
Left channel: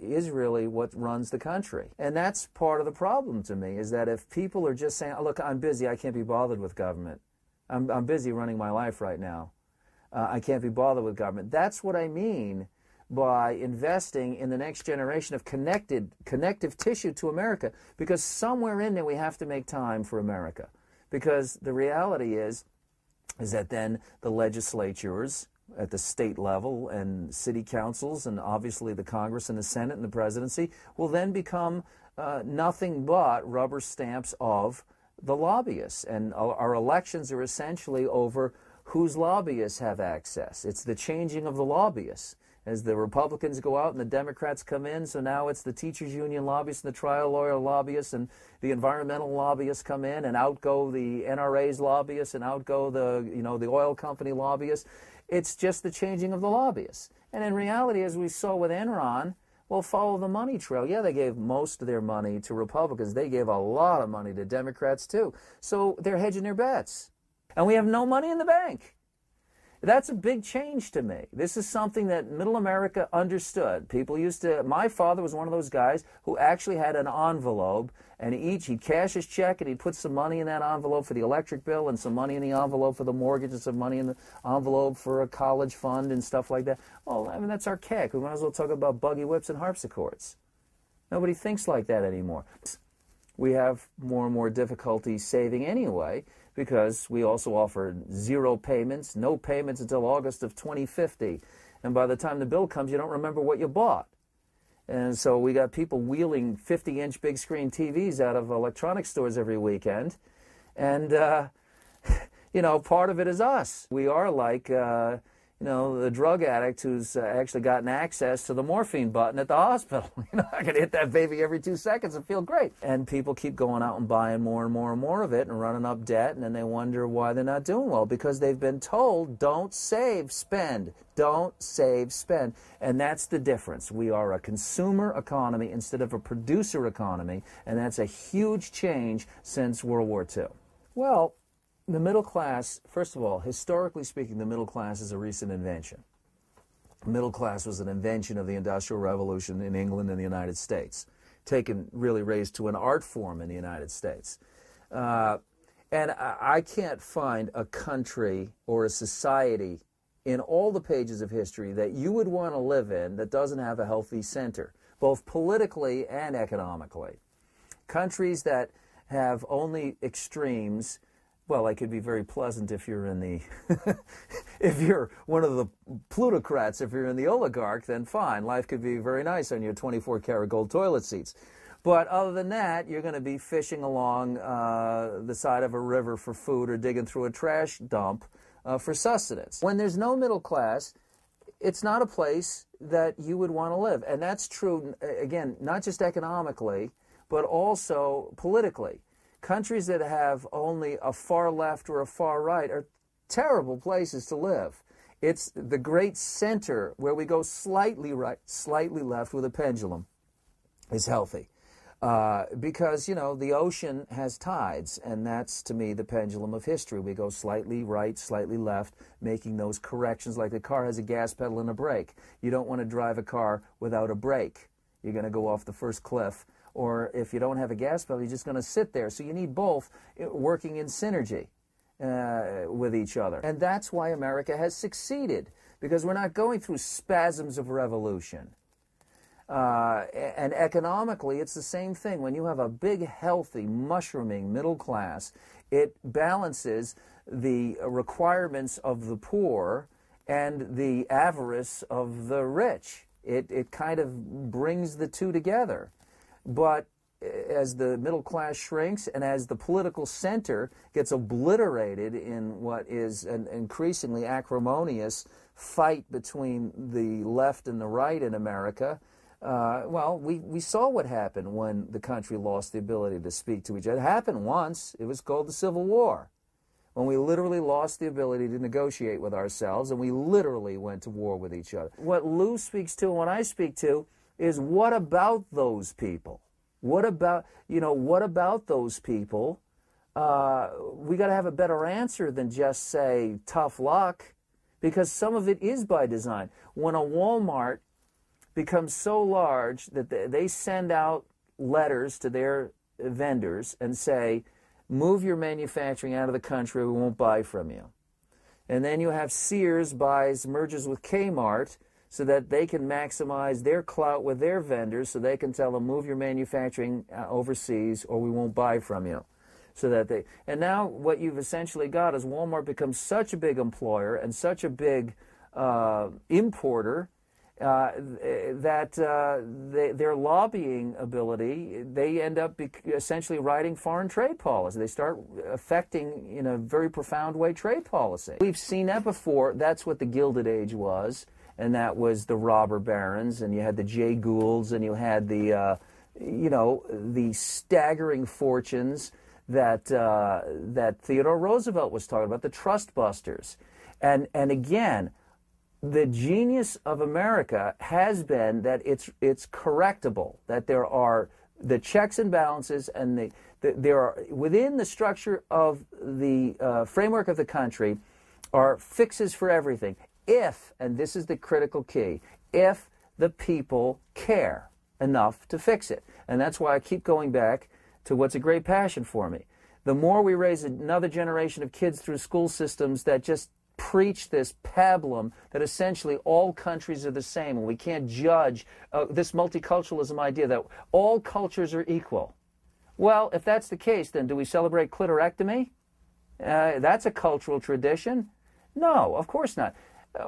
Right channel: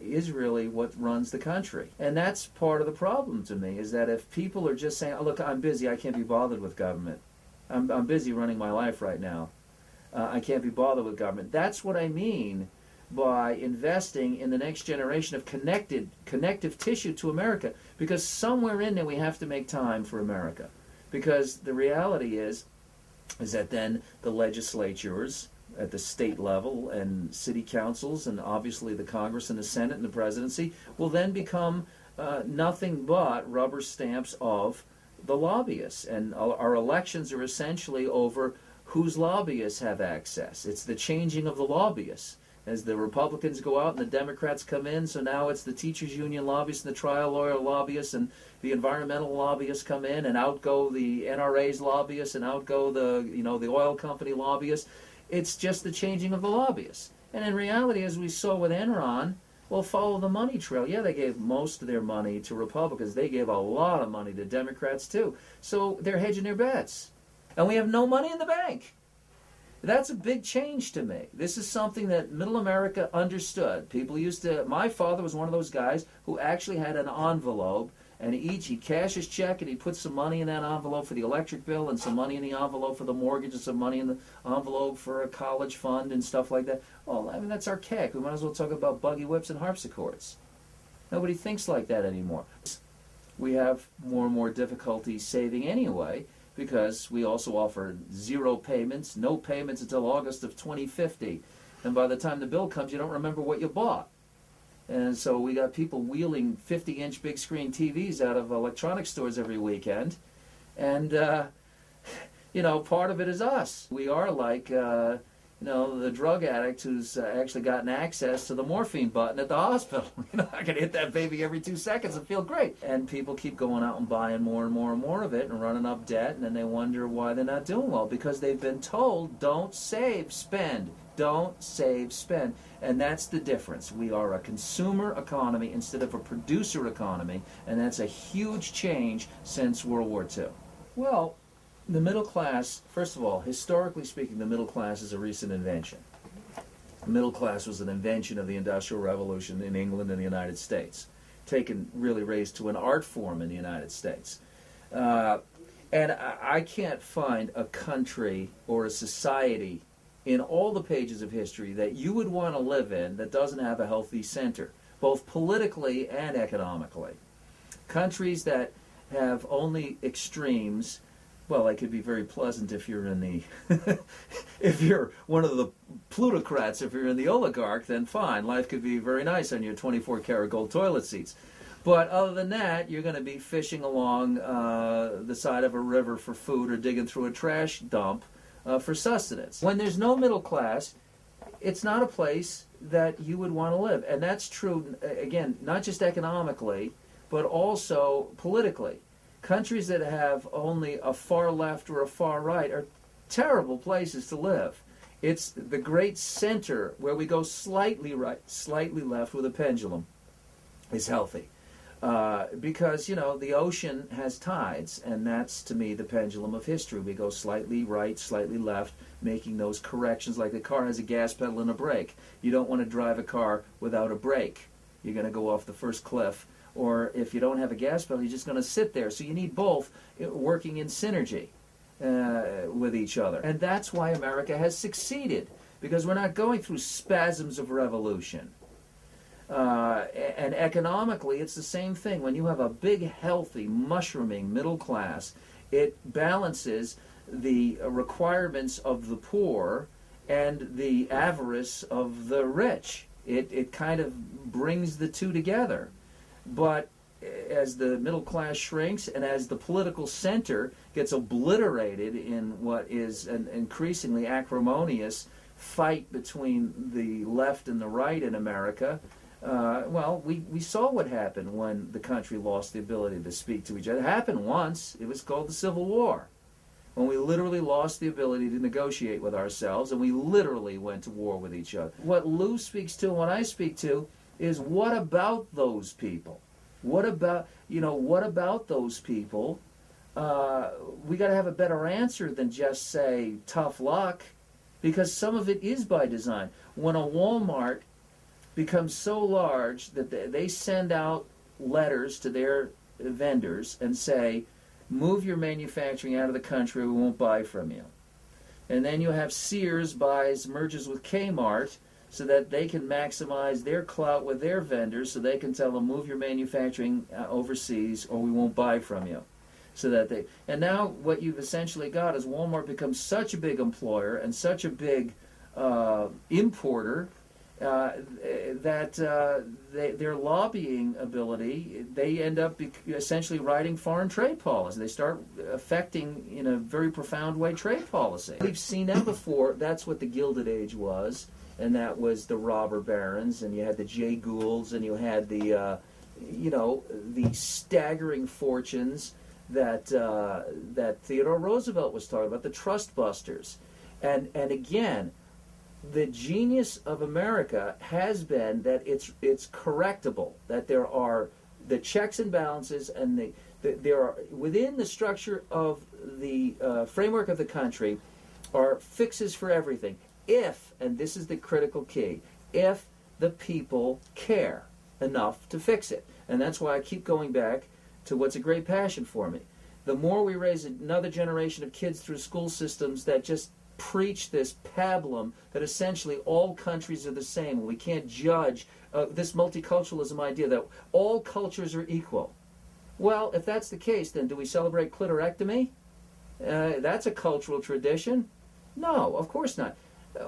is really what runs the country. And that's part of the problem to me, is that if people are just saying, oh, look, I'm busy, I can't be bothered with government. I'm busy running my life right now. I can't be bothered with government. That's what I mean by investing in the next generation of connective tissue to America, because somewhere in there we have to make time for America. Because the reality is that then the legislatures at the state level and city councils and obviously the Congress and the Senate and the presidency will then become nothing but rubber stamps of the lobbyists. And our elections are essentially over whose lobbyists have access. It's the changing of the lobbyists. As the Republicans go out and the Democrats come in, so now it's the teachers union lobbyists and the trial lawyer lobbyists and the environmental lobbyists come in, and out go the NRA's lobbyists, and out go the oil company lobbyists. It's just the changing of the lobbyists. And in reality, as we saw with Enron, well, follow the money trail. Yeah, they gave most of their money to Republicans. They gave a lot of money to Democrats too. So they're hedging their bets. And we have no money in the bank. That's a big change to me. This is something that middle America understood. People used to, my father was one of those guys who actually had an envelope, and he'd cash his check and he'd put some money in that envelope for the electric bill and some money in the envelope for the mortgage and some money in the envelope for a college fund and stuff like that. Well, I mean, that's archaic. We might as well talk about buggy whips and harpsichords. Nobody thinks like that anymore. We have more and more difficulty saving anyway, because we also offer zero payments, no payments until August of 2050. And by the time the bill comes, you don't remember what you bought. And so we got people wheeling 50-inch big screen TVs out of electronic stores every weekend. And, you know, part of it is us. We are like, you know, the drug addict who's actually gotten access to the morphine button at the hospital. You know, I can hit that baby every 2 seconds and feel great. And people keep going out and buying more and more and more of it and running up debt, and then they wonder why they're not doing well, because they've been told, don't save, spend. Don't save, spend. And that's the difference. We are a consumer economy instead of a producer economy, and that's a huge change since World War II. Well, the middle class, first of all, historically speaking, the middle class is a recent invention. The middle class was an invention of the Industrial Revolution in England and the United States, really raised to an art form in the United States. And I can't find a country or a society in all the pages of history that you would want to live in that doesn't have a healthy center, both politically and economically. Countries that have only extremes, well, they could be very pleasant if you're in the, if you're one of the plutocrats, if you're in the oligarch, then fine. Life could be very nice on your 24-karat gold toilet seats. But other than that, you're going to be fishing along the side of a river for food or digging through a trash dump for sustenance. When there's no middle class, it's not a place that you would want to live. And that's true, again, not just economically, but also politically. Countries that have only a far left or a far right are terrible places to live. It's the great center where we go slightly right, slightly left with a pendulum is healthy. Because, you know, the ocean has tides, and that's, to me, the pendulum of history. We go slightly right, slightly left, making those corrections like the car has a gas pedal and a brake. You don't want to drive a car without a brake. You're going to go off the first cliff. Or if you don't have a gas pedal, you're just going to sit there. So you need both working in synergy with each other. And that's why America has succeeded, because we're not going through spasms of revolution. And economically, it's the same thing. When you have a big, healthy, mushrooming middle class, it balances the requirements of the poor and the avarice of the rich. It kind of brings the two together. But as the middle class shrinks and as the political center gets obliterated in what is an increasingly acrimonious fight between the left and the right in America, well, we saw what happened when the country lost the ability to speak to each other. It happened once. It was called the Civil War, when we literally lost the ability to negotiate with ourselves, and we literally went to war with each other. What Lou speaks to and what I speak to is, what about those people? What about, what about those people? We got to have a better answer than just say tough luck, because some of it is by design. When a Walmart becomes so large that they send out letters to their vendors and say, move your manufacturing out of the country, we won't buy from you. And then you have Sears merges with Kmart, so that they can maximize their clout with their vendors, so they can tell them, move your manufacturing overseas or we won't buy from you. So that they, and now what you've essentially got is Walmart becomes such a big employer and such a big importer that their lobbying ability, they end up essentially writing foreign trade policy. They start affecting, in a very profound way, trade policy. We've seen that before. That's what the Gilded Age was, and that was the robber barons, and you had the Jay Goulds, and you had the, the staggering fortunes that Theodore Roosevelt was talking about, the trust busters. And again, the genius of America has been that it's correctable, that there are the checks and balances, and there are, within the structure of the framework of the country, are fixes for everything. If, and this is the critical key, if the people care enough to fix it. And that's why I keep going back to what's a great passion for me. The more we raise another generation of kids through school systems that just preach this pablum that essentially all countries are the same, and we can't judge this multiculturalism idea that all cultures are equal. Well, if that's the case, then do we celebrate clitorectomy? That's a cultural tradition? No, of course not.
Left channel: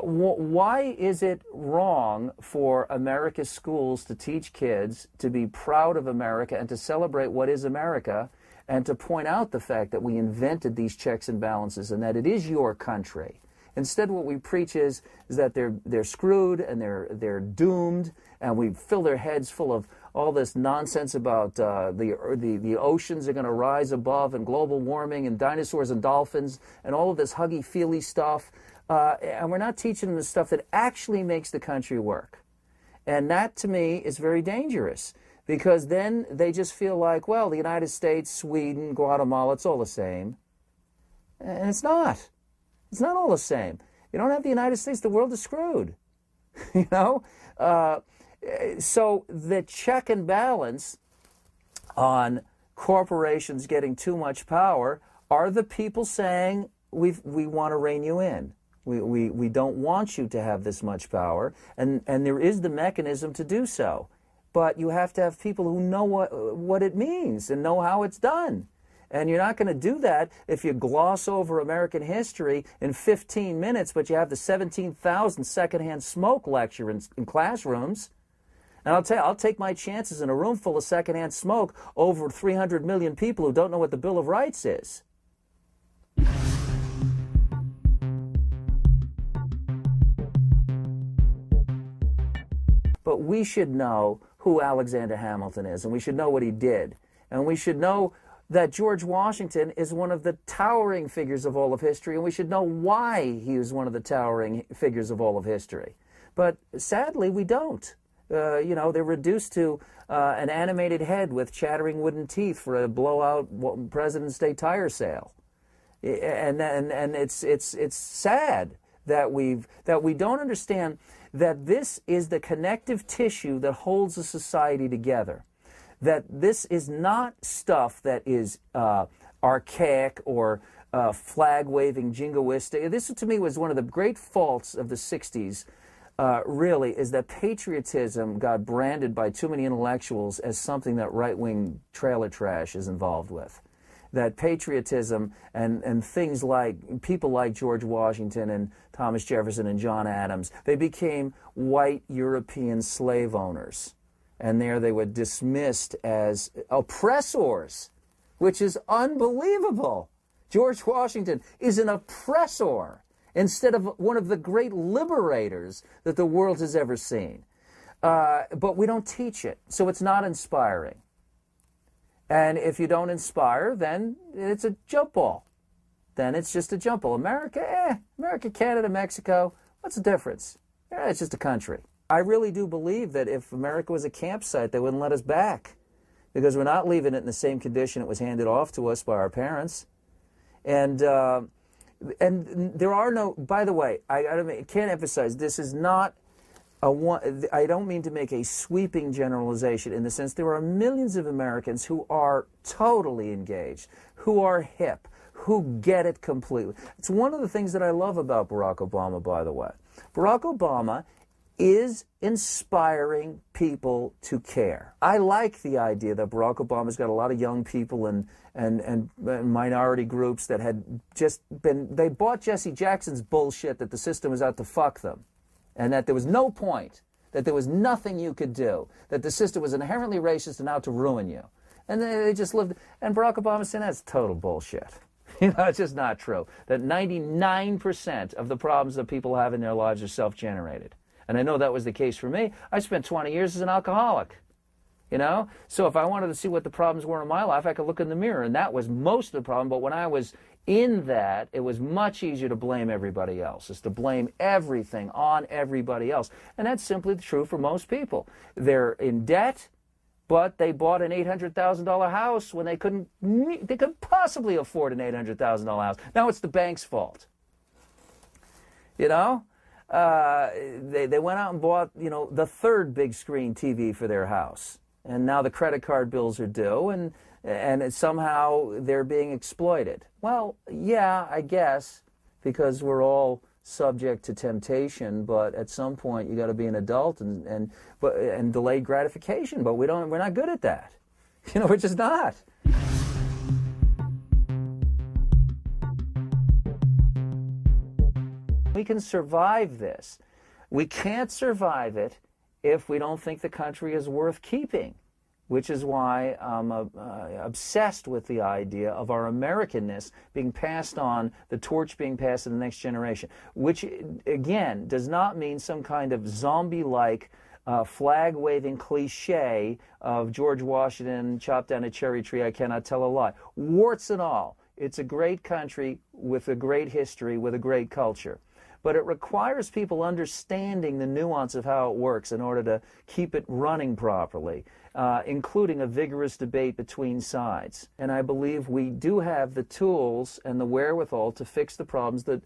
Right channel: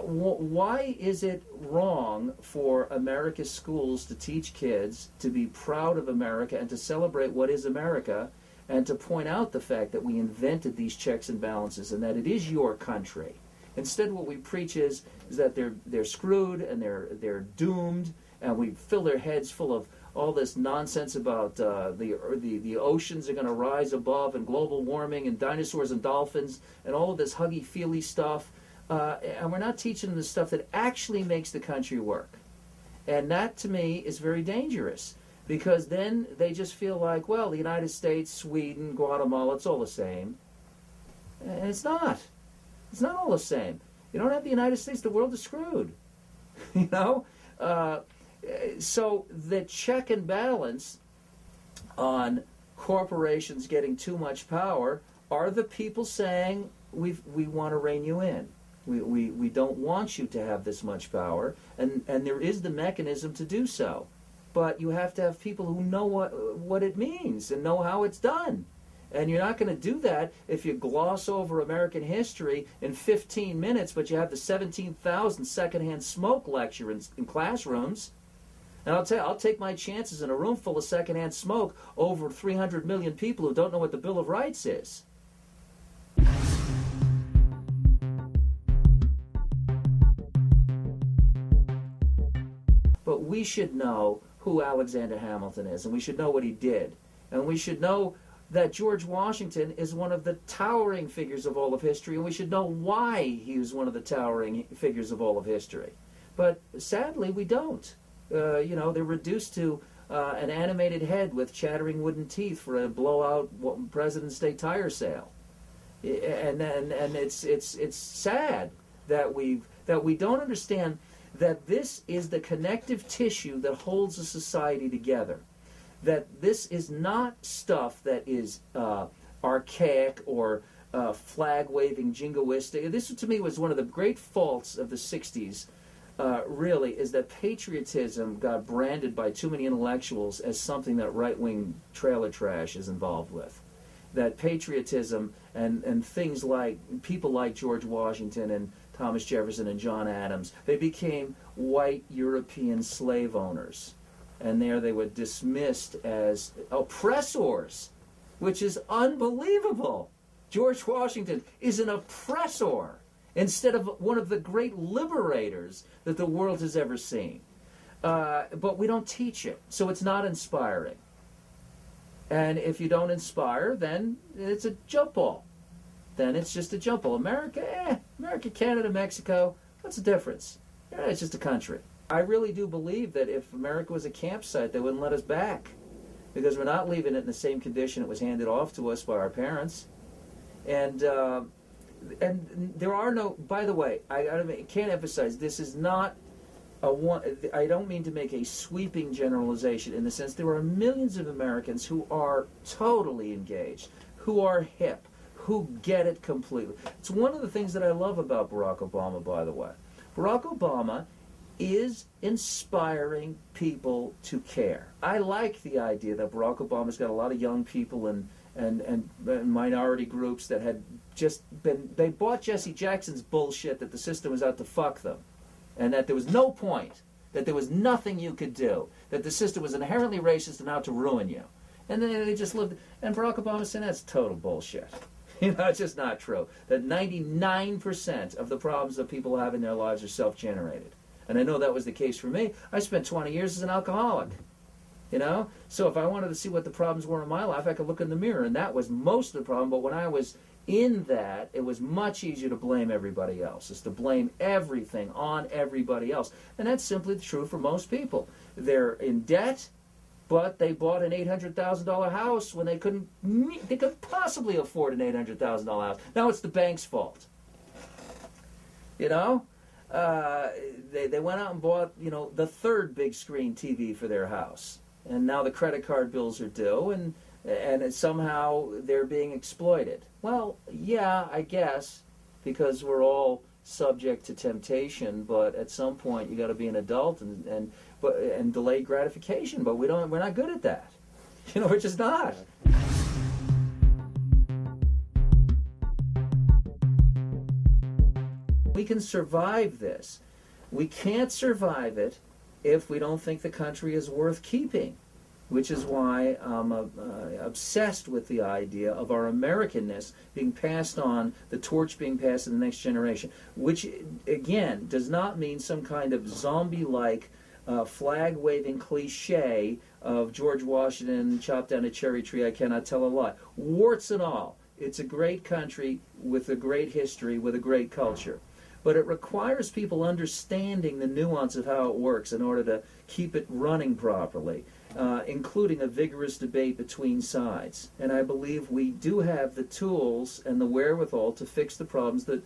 Why is it wrong for America's schools to teach kids to be proud of America and to celebrate what is America, and to point out the fact that we invented these checks and balances and that it is your country? Instead, what we preach is that they're screwed and they're doomed, and we fill their heads full of all this nonsense about the oceans are going to rise above, and global warming, and dinosaurs and dolphins, and all of this huggy-feely stuff. And we're not teaching them the stuff that actually makes the country work. And that, to me, is very dangerous, because then they just feel like, well, the United States, Sweden, Guatemala, it's all the same. And it's not. It's not all the same. You don't have the United States, the world is screwed. You know? So the check and balance on corporations getting too much power are the people saying, we want to rein you in. We don't want you to have this much power, and there is the mechanism to do so. But you have to have people who know what it means and know how it's done. And you're not going to do that if you gloss over American history in 15 minutes, but you have the 17,000 secondhand smoke lecture in classrooms. And I'll tell you, I'll take my chances in a room full of secondhand smoke over 300 million people who don't know what the Bill of Rights is. But we should know who Alexander Hamilton is, and we should know what he did. And we should know that George Washington is one of the towering figures of all of history, and we should know why he was one of the towering figures of all of history. But sadly, we don't. They're reduced to an animated head with chattering wooden teeth for a blowout President's Day tire sale. And it's sad that we don't understand that this is the connective tissue that holds a society together. That this is not stuff that is archaic or flag-waving, jingoistic. This, to me, was one of the great faults of the 60s, really, is that patriotism got branded by too many intellectuals as something that right-wing trailer trash is involved with. That patriotism and things like people like George Washington and Thomas Jefferson and John Adams, they became white European slave owners. And there they were dismissed as oppressors, which is unbelievable. George Washington is an oppressor instead of one of the great liberators that the world has ever seen. But we don't teach it, so it's not inspiring. And if you don't inspire, then it's a jump ball. Then it's just a jump ball. America, Canada, Mexico, what's the difference? It's just a country. I really do believe that if America was a campsite, they wouldn't let us back, because we're not leaving it in the same condition it was handed off to us by our parents. And there are no, by the way, I can't emphasize, this is not I don't mean to make a sweeping generalization in the sense there are millions of Americans who are totally engaged, who are hip, who get it completely. It's one of the things that I love about Barack Obama, by the way. Barack Obama is inspiring people to care. I like the idea that Barack Obama's got a lot of young people and minority groups that had just been, they bought Jesse Jackson's bullshit that the system was out to fuck them, and that there was no point, that there was nothing you could do, that the system was inherently racist and out to ruin you. And then they just lived, and Barack Obama said that's total bullshit. You know, it's just not true. That 99% of the problems that people have in their lives are self-generated. And I know that was the case for me. I spent 20 years as an alcoholic, you know? So if I wanted to see what the problems were in my life, I could look in the mirror, and that was most of the problem. But when I was in that, it was much easier to blame everybody else. It's to blame everything on everybody else. And that's simply true for most people. They're in debt, but they bought an $800,000 house when they couldn't possibly afford an $800,000 house. Now it's the bank's fault. You know? They went out and bought, you know, the third big screen TV for their house, and now the credit card bills are due, and somehow they're being exploited. Well, yeah, I guess, because we're all subject to temptation, but at some point you got to be an adult and delayed gratification. But we're not good at that. You know, we're just not. We can survive this. We can't survive it if we don't think the country is worth keeping, which is why I'm obsessed with the idea of our Americanness being passed on, the torch being passed to the next generation, which, again, does not mean some kind of zombie-like flag-waving cliche of George Washington chopped down a cherry tree, I cannot tell a lie. Warts and all. It's a great country with a great history, with a great culture. But it requires people understanding the nuance of how it works in order to keep it running properly, including a vigorous debate between sides. And I believe we do have the tools and the wherewithal to fix the problems that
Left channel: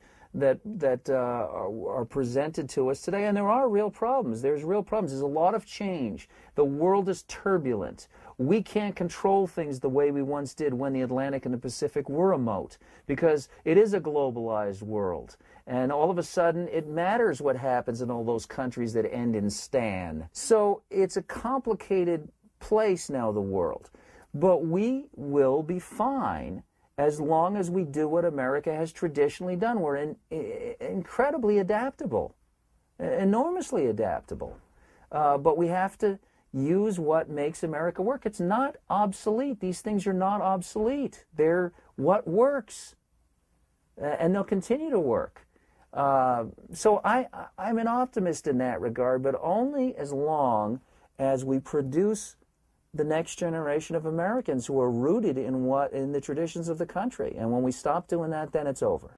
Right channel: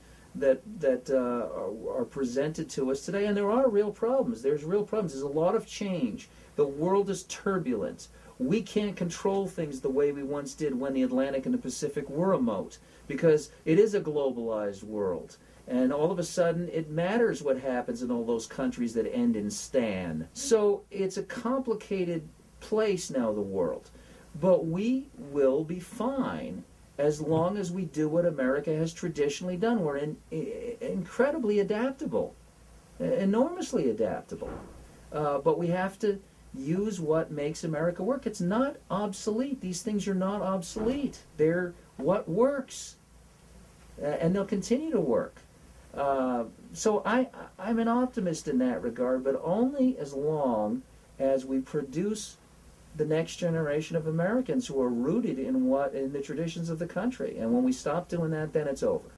are presented to us today. And there are real problems. There's real problems. There's a lot of change. The world is turbulent. We can't control things the way we once did when the Atlantic and the Pacific were remote, because it is a globalized world. And all of a sudden, it matters what happens in all those countries that end in "stan." So it's a complicated place now, the world. But we will be fine as long as we do what America has traditionally done. We're incredibly adaptable, enormously adaptable. But we have to use what makes America work. It's not obsolete. These things are not obsolete. They're what works. And they'll continue to work. So I'm an optimist in that regard, but only as long as we produce the next generation of Americans who are rooted in the traditions of the country. And when we stop doing that, then it's over.